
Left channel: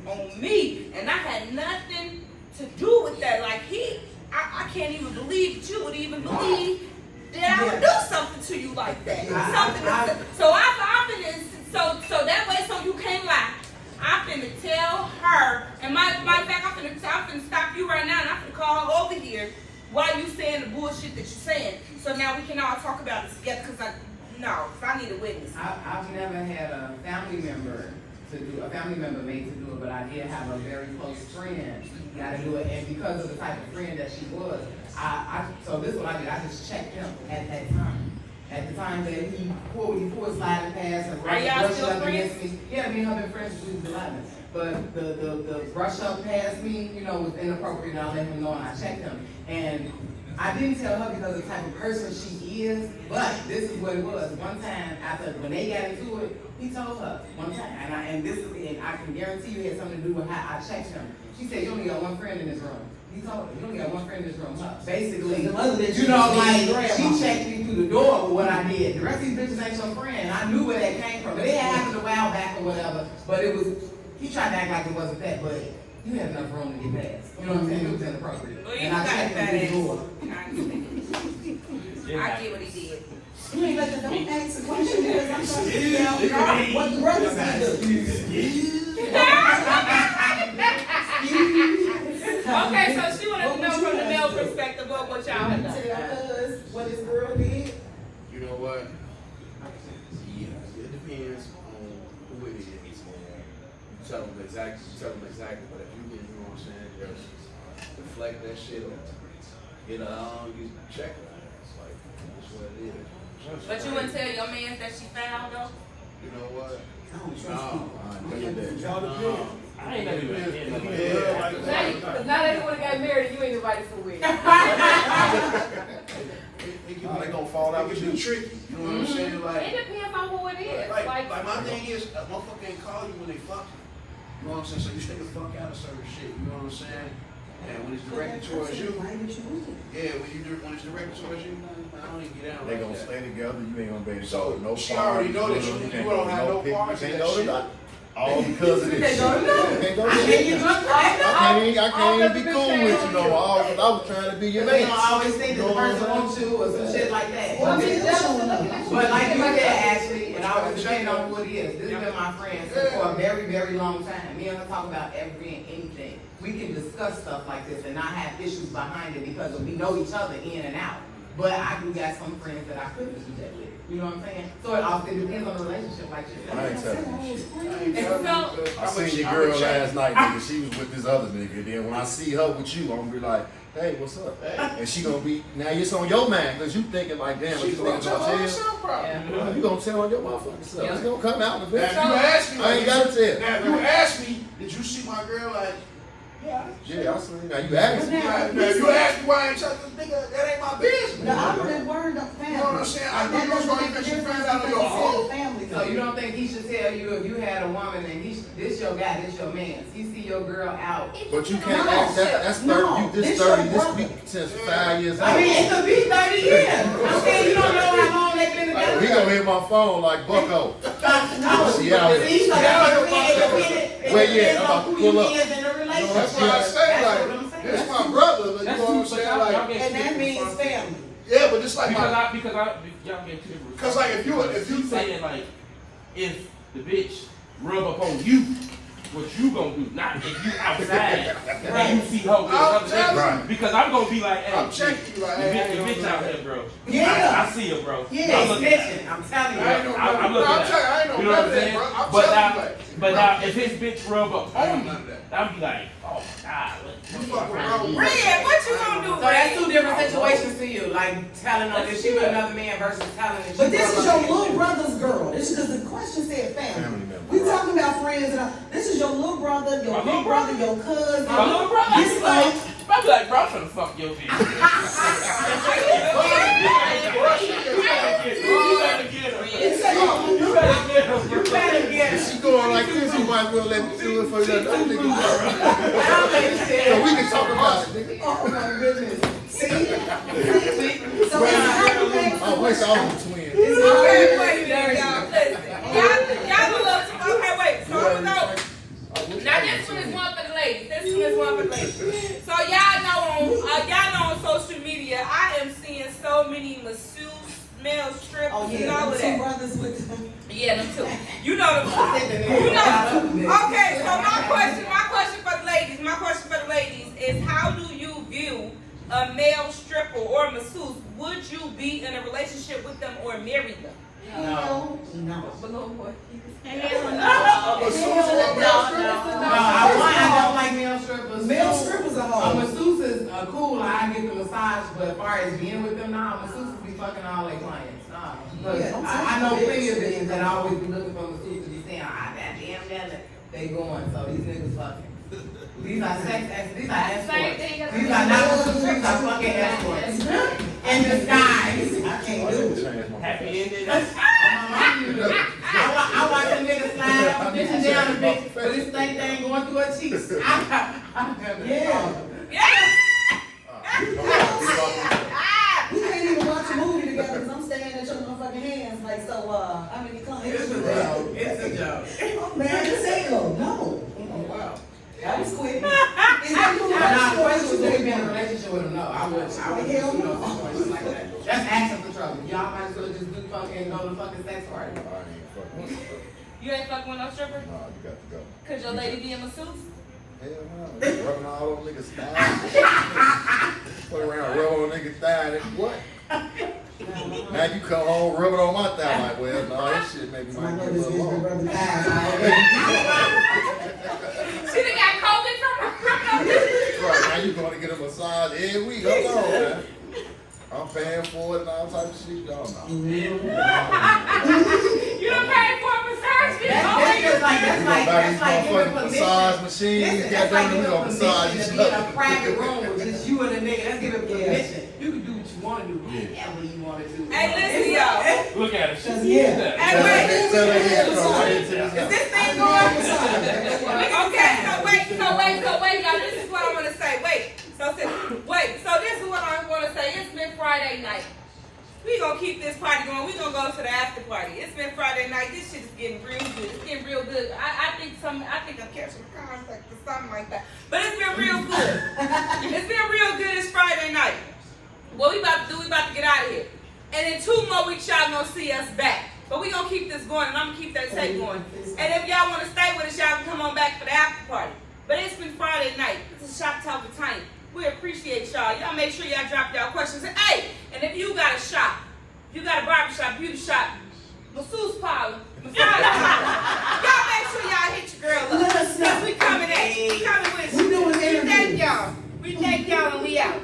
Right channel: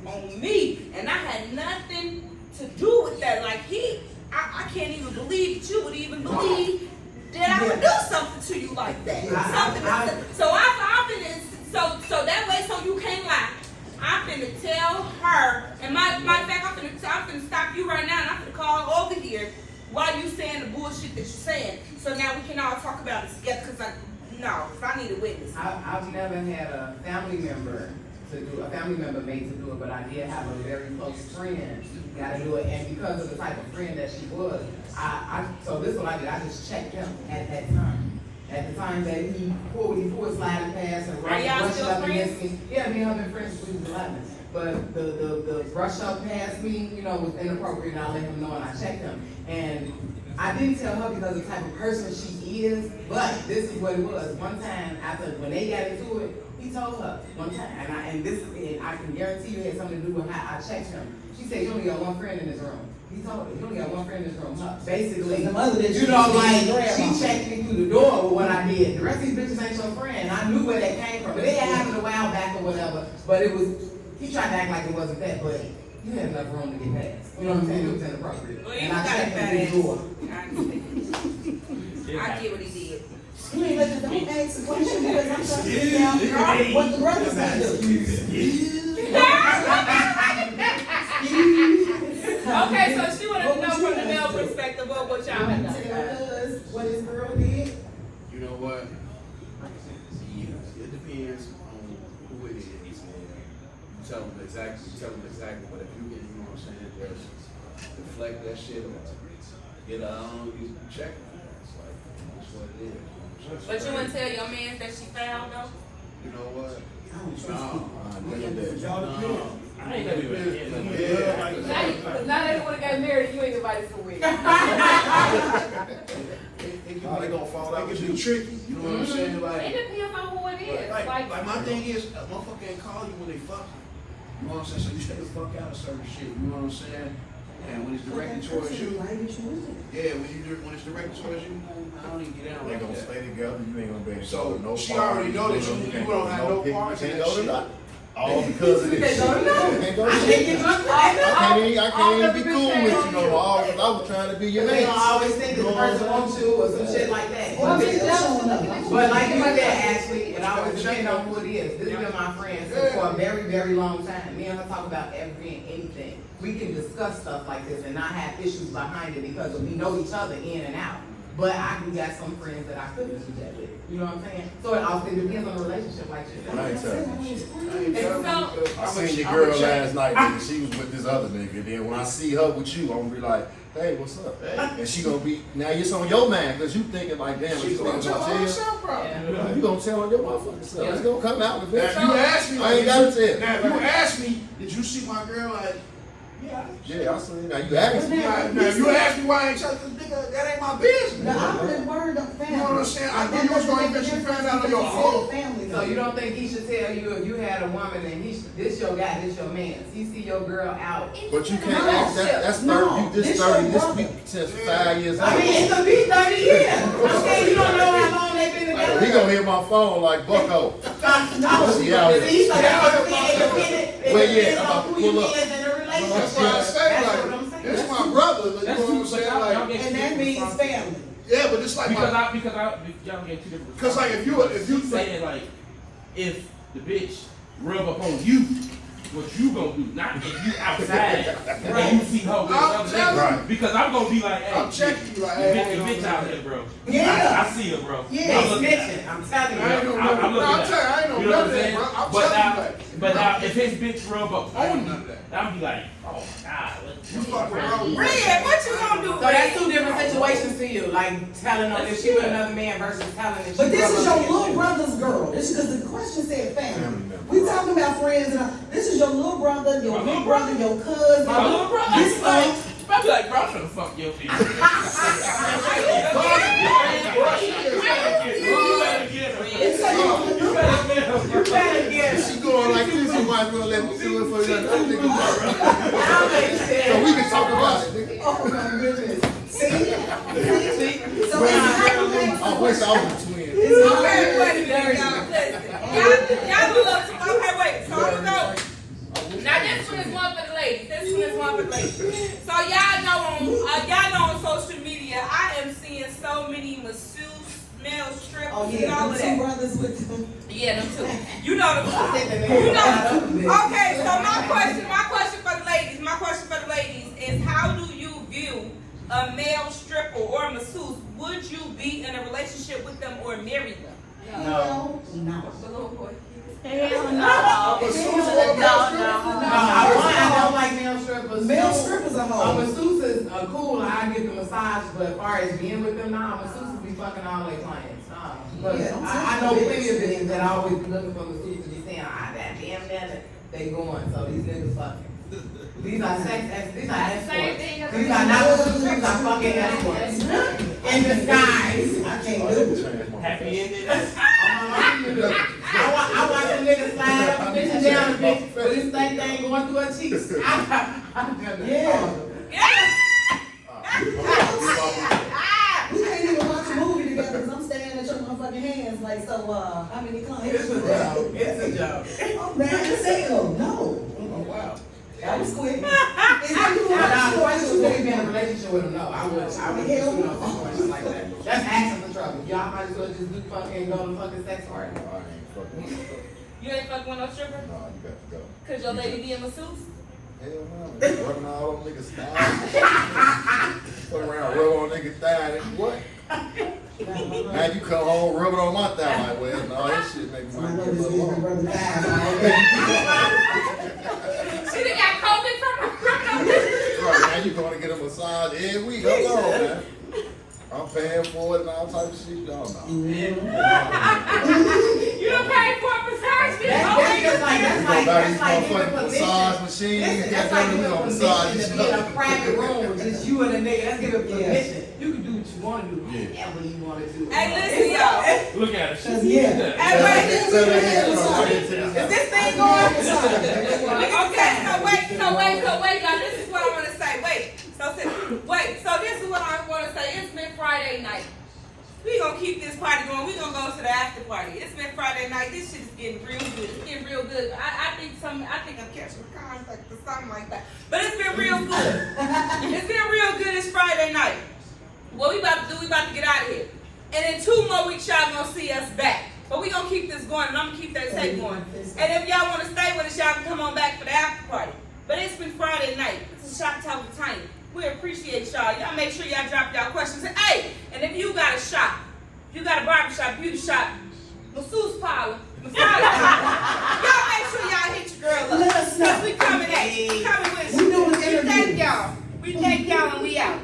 on me, and I had nothing to do with that. Like I can't even believe that you would even believe that I would do something to you like that. So that way, so you can't lie. I'm finna tell her, and matter of fact, I'm finna stop you right now, and I'm finna call over here while you saying the bullshit that you're saying. So now we can all talk about it together, cause I need a witness. I've never had a family member made to do it, but I did have a very close friend gotta do it, and because of the type of friend that she was, so this is what I did, I just checked him at that time. At the time that he pulled sliding past and Are y'all brushed still up friends? against me. Yeah, me and her been friends since we was 11. But the brush up past me, was inappropriate, and I let him know and I checked him. And I didn't tell her because of the type of person she is, but this is what it was. One time when they got into it, he told her one time, and I can guarantee you it had something to do with how I checked him. She said, you only got one friend in this room. He told her, you only got one friend in this room. Basically, she checked me through the door with what I did. The rest of these bitches ain't your friend. I knew where that came from. But it had happened a while back or whatever, but he tried to act like it wasn't that, but you had enough room to get past. You know what I'm saying? It was inappropriate. Well, you And I got checked a fat him through the door. I get what he did. You mean, like, don't ask a question because I'm trying to figure out what the brothers can do. Okay, so she wanted to know from the male perspective what y'all have done. Tell us what his girl did. You know what? It depends on who it is. You tell them exactly, but if you know what I'm saying, just deflect that shit or you check it. It's like, that's what it is. But you wouldn't tell your man that she found though? You know what? I don't trust people. I ain't never been here. Now that they wanna get married, you ain't invited for real. They gonna fall out with you tricky. You know what I'm saying? It Like, depends on who it is. like my thing is, a motherfucker can't call you when they fuck you. You know what I'm saying? So you stay the fuck out of certain shit. You know what I'm saying? And when it's directed towards you, when it's directed towards you, I don't even get out. They gonna stay together, you ain't gonna be able to go to no She already know that party, you can't don't go to have no no picnic, parties can't and go to shit. nothing. All because of this shit. Can't go to nothing. I can't even be cool with you no more. I was trying to be your They man. don't always think that the person wants to or some shit like that. Well, But like you said, Ashley, and I always depend on who it is. This has been my friend for a very, very long time. Me and her talk about everything and anything. We can discuss stuff like this and not have issues behind it because we know each other in and out. But we got some friends that I couldn't do that with. You know what I'm saying? So it often depends on the relationship like this. I ain't telling you. I So, seen your girl last night, nigga. She was with this other nigga. Then when I see her with you, I'm gonna be like, hey, what's up? And she gonna be, now it's on your mind, because you thinking like, damn, this nigga gonna tell you. You gonna tell on your motherfucking self. It's gonna come out with Now, it. if you ask me, I ain't gotta tell. Now, if you ask me, did you see my girl? Like, Yeah, I seen. Now you asked me. now, if you ask me why I ain't telling this nigga, that ain't my business. The operative word of family. You know what I'm saying? I think those are even your friends out of your home. Family. So you don't think he should tell you if you had a woman and this your guy, this your man. He see your girl out. But you can't ask that. That's 30. You just 30. This week since 5 years old. I mean, it could be 30 years. I'm saying you don't know how long they've been together. He gonna hit my phone like Bucko. No. See, yeah. See, so that's what I'm saying. Well, yeah, I'm about to pull up. In a relationship. That's why I say, That's like, what I'm saying. this my brother, you know That's what I'm cool, saying? but y'all Like, get And that means family. yeah, but it's like because my, y'all get two different. cause like if you saying like, if the bitch rub up on you, what you gonna do? Not if you outside and you see her with another nigga. Right. Because I'm gonna be like, hey, I'm checking you, like, the hey, bitch out there, bro. Yeah. I see her, bro. Yeah. I'm looking at her. Snitching, I'm telling you. I ain't no I'm brother. looking No, I'm at telling you, I ain't her. no You know what I'm brother, saying? bro. I'm But telling now, you, like, but now, if his bitch rub up I on ain't you, none of that. I'd be like, oh my god, You fucking wrong. Red, what you gonna do, So that's Red? two different situations to you, like telling her that she with another man versus telling that she But this with is your another little man. brother's girl. This is because the question said Family family. member, We right. talking about friends, and this is your little brother, your My big little brother, your cousin. my little brother. This like, I'd be like, bro, I'm finna fuck your bitch. You better get If she going like this, you might as well let me do it for that other nigga. it. So we can talk about it, nigga. oh my goodness. See? So it's not okay. I wish I was a twin. Okay, wait a minute, y'all. Listen, y'all love to. Okay, wait. So I'm gonna go. Now this one is one for the ladies. This one is one for the ladies. So y'all know on social media, I am seeing so many masseuse, male strippers, Oh and yeah, all of the two that. brothers with them. Yeah, them too. You know them. You know. Okay, so my question for the ladies is, how do you view a male stripper or masseuse? Would you be in a relationship with them or marry them? No. No. I don't like male strippers. Male strippers are A hard. masseuse is cool. I get the massage, but as far as being with them, nah, masseuses be fucking all their clients. Nah, because Yeah, I know plenty of niggas that always be looking for masseuses to be saying, ah, that damn minute they going. So these niggas fucking. These are escorts. These are not masseuses. These are fucking escorts in disguise. I can't do it. Change my Happy ending. I watch a nigga slide up and bitch down the bitch, but this thing ain't going through her cheeks. Yeah. Yeah. We can't even watch a movie together because I'm standing at your motherfucking hands like, so, how many clients? It's a joke. It's a joke. Oh, man, just say no. No. Oh, wow. That was quick. Is that you Now, want the question was, would you be in a to relationship with him? No, I wouldn't. I wouldn't Hell do no no. situation like that. That's asking for trouble. Y'all might as well just do fucking go to fucking sex party. I ain't fucking with you. You ain't fucking with no stripper? Nah, you got to go. Cause your lady be a masseuse? Hell no, nigga, rubbing all over niggas' thighs. Fuck around, rub on niggas' thigh, and what? Now you come home rubbing on my thigh, like, well, no, that shit make me I might know get a this little is long. rubbing thighs. She done got COVID from her. Right, now you gonna get a massage every week, hold on, man. I'm paying for it and all type of shit, y'all know. You done paid for a massage, bitch. That's just like, that's We like, gonna buy these that's like giving motherfucking permission. massage machines, Listen, that's like goddamn, we giving gonna massage permission each to be in a other. private room with just you and the nigga. That's giving permission. You can do what you wanna do, Yeah. whatever you wanna do. Hey, listen, y'all. Look at her. She's Yeah. Hey, wait. Tell that nigga to come right into Is this house. this thing going? Okay, so wait, y'all. This is what I want to say. So this is what I want to say. It's been Friday night. We gonna keep this party going. We gonna go to the after party. It's been Friday night. This shit is getting real good. It's getting real good. I think I'm catching contact or something like that. But it's been real good. It's been real good. It's Friday night. What we about to do? We about to get out of here. And in 2 more weeks, y'all gonna see us back. But we gonna keep this going, and I'm gonna keep that tape going. And if y'all wanna stay with us, y'all can come on back for the after party. But it's been Friday night. This is Shop Talk with Tanya. We appreciate y'all. Y'all make sure y'all drop y'all questions. And hey, and if you got a shop, you got a barbershop, beauty shop, masseuse parlor, massage parlor, y'all make sure y'all hit your girl up. Let us know. 'Cause we coming at you. We coming with you. We doing We thank interviews. y'all. We thank y'all and we out.